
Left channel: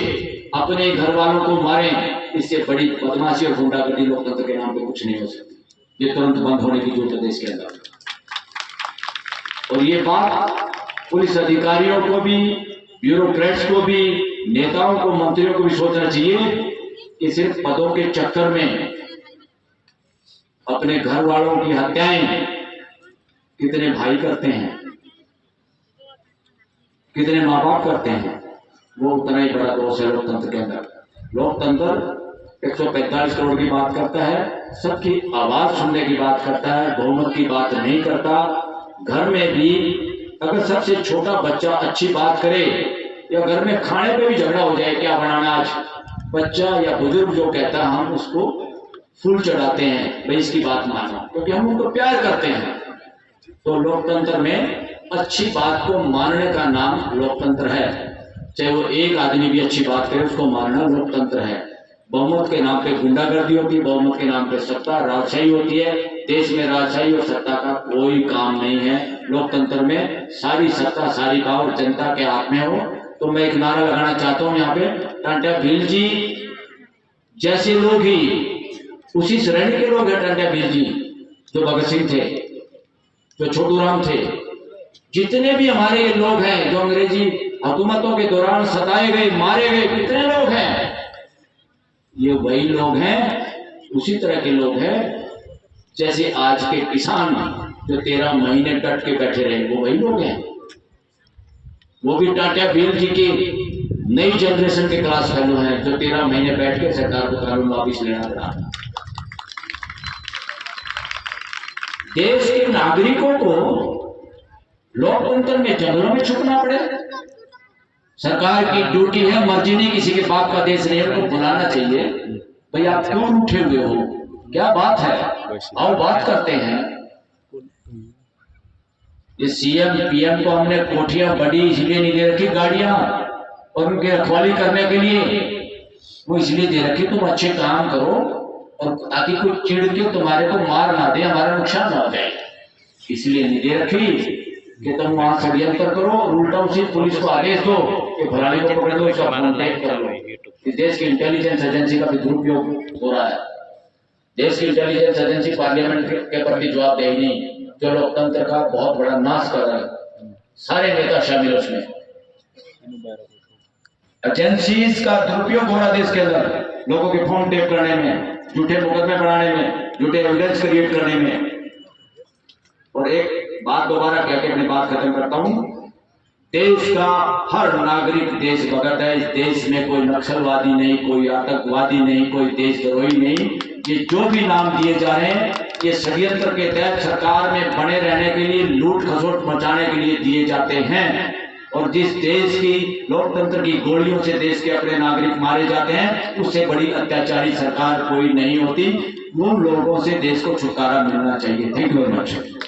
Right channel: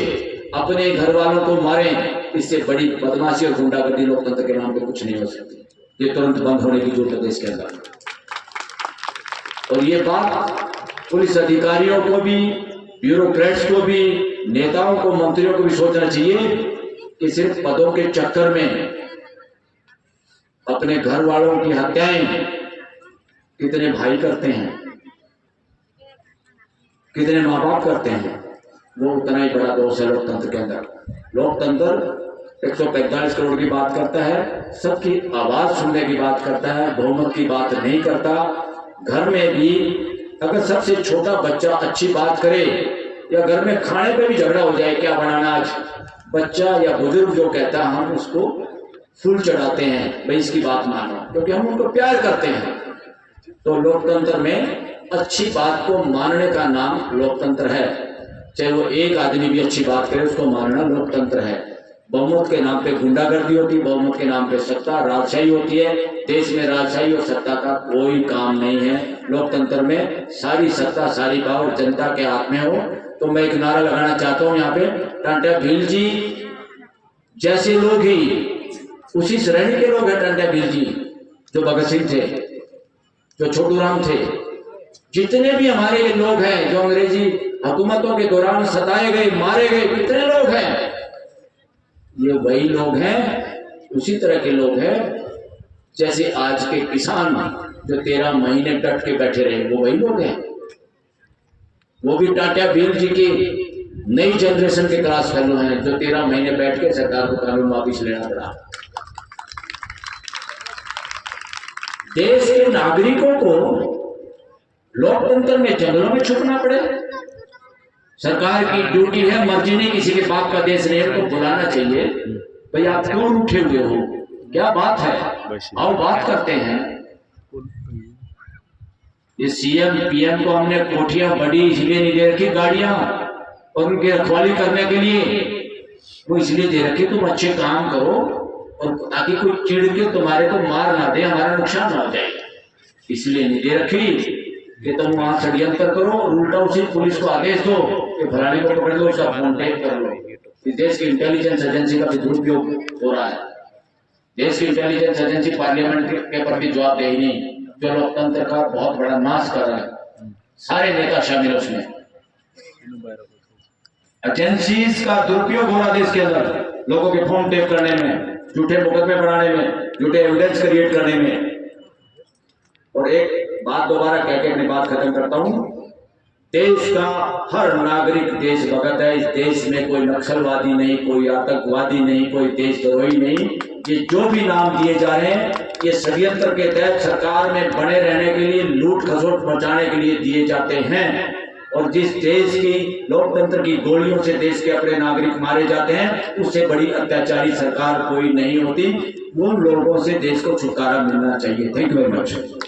अपने घर वालों को मारें, इससे बड़ी बदमाशी और गुंडागर्दी लोकतंत्र के नाम पे कुछ नहीं हो सकती। ये तुरंत बंद होने की जरूरत है देश के अंदर। और ये बात पुलिस अधिकारियों को भी, ब्यूरोक्रेट्स को भी, नेताओं को, मंत्रियों को भी सोचना चाहिए कि सिर्फ पदों के चक्कर में अपने घर वालों की हत्याएं कितने भाई करते हैं, कितने माँ बाप करते हैं, वो उतना ही बड़ा दोष है लोकतंत्र के अंदर। लोकतंत्र 145 करोड़ की बात करता है, सबकी आवाज सुनने की बात करता है, बहुमत की बात नहीं करता। घर में भी अगर सबसे छोटा बच्चा अच्छी बात करे या घर में खाने पे भी झगड़ा हो जाए, क्या बनाना आज, बच्चा या बुजुर्ग जो कहता है हम उसको फूल चढ़ाते हैं, भाई इसकी बात मानो, क्योंकि हम उनको प्यार करते हैं। तो लोकतंत्र में अच्छी बात को मानने का नाम लोकतंत्र है। चाहे वो एक आदमी भी अच्छी बात करे उसको मानना लोकतंत्र है। बहुमत के नाम पे गुंडागर्दी होती है, बहुमत के नाम पे सत्ता राजशाही होती है। देश में राजशाही और सत्ता का कोई काम नहीं है। लोकतंत्र में सारी सत्ता सारी पावर जनता के हाथ में हो। तो मैं एक नारा लगाना चाहता हूँ यहाँ पे, टांटा भील जी जैसे लोग ही उसी श्रेणी के लोग हैं। टांटा भील जी जो भगत सिंह थे, जो छोटू राम थे, जितने भी हमारे ये लोग हैं जो अंग्रेजी हुकूमतों के दौरान सताए गए, मारे गए, कितने लोग हैं, ये वही लोग हैं, उसी तरह के लोग हैं जैसे आज के किसान जो 13 महीने डट के बैठे रहे, वो वही लोग हैं। वो भी टाटा भील जी की नई जनरेशन के क्लास फेलो हैं जो 13 महीने बैठ के सरकार को कानून वापिस लेना पड़ा। देश के नागरिकों को लोकतंत्र में जंगलों में छुपना पड़े। सरकार की ड्यूटी है, मर्जी नहीं, किसी के बाप का देश नहीं है, उनको बुलाना चाहिए, भाई आप क्यों उठे हुए हो, क्या बात है, और बात करते हैं। ये सीएम पीएम को हमने कोठियां बड़ी इसलिए नहीं दे रखी, गाड़ियां और उनकी रखवाली करने के लिए, वो इसलिए दे रखी तुम अच्छे काम करो और ताकि कोई चिढ़ के तुम्हारे को मार ना दे, हमारा नुकसान ना हो जाए, इसलिए नहीं दे रखी कि तुम वहां षड्यंत्र करो और उल्टा उसी पुलिस को आदेश दो कि फलाने को पकड़ लो, इसका फोन टेप कर लो। इस देश की इंटेलिजेंस एजेंसी का भी दुरुपयोग हो रहा है। देश की इंटेलिजेंस एजेंसी पार्लियामेंट के प्रति जवाबदेही नहीं, जो लोकतंत्र का बहुत बड़ा नाश कर रहा है, सारे नेता शामिल उसमें। एजेंसीज का दुरुपयोग हो रहा है देश के अंदर, लोगों के फोन टेप करने में, झूठे मुकदमे बनाने में, झूठे एविडेंस क्रिएट करने में। और एक बात दोबारा कह के अपनी बात खत्म करता हूं, देश का हर नागरिक देशभक्त है। इस देश में कोई नक्सलवादी नहीं, कोई आतंकवादी नहीं, कोई देशद्रोही नहीं। ये जो भी नाम दिए जा रहे हैं ये षड्यंत्र के तहत सरकार में बने रहने के लिए, लूट खसोट मचाने के लिए दिए जाते हैं। और जिस देश की लोकतंत्र की गोलियों से देश के अपने नागरिक मारे जाते हैं, उससे बड़ी अत्याचारी सरकार कोई नहीं होती। उन लोगों से देश को छुटकारा मिलना चाहिए। Thank you very much.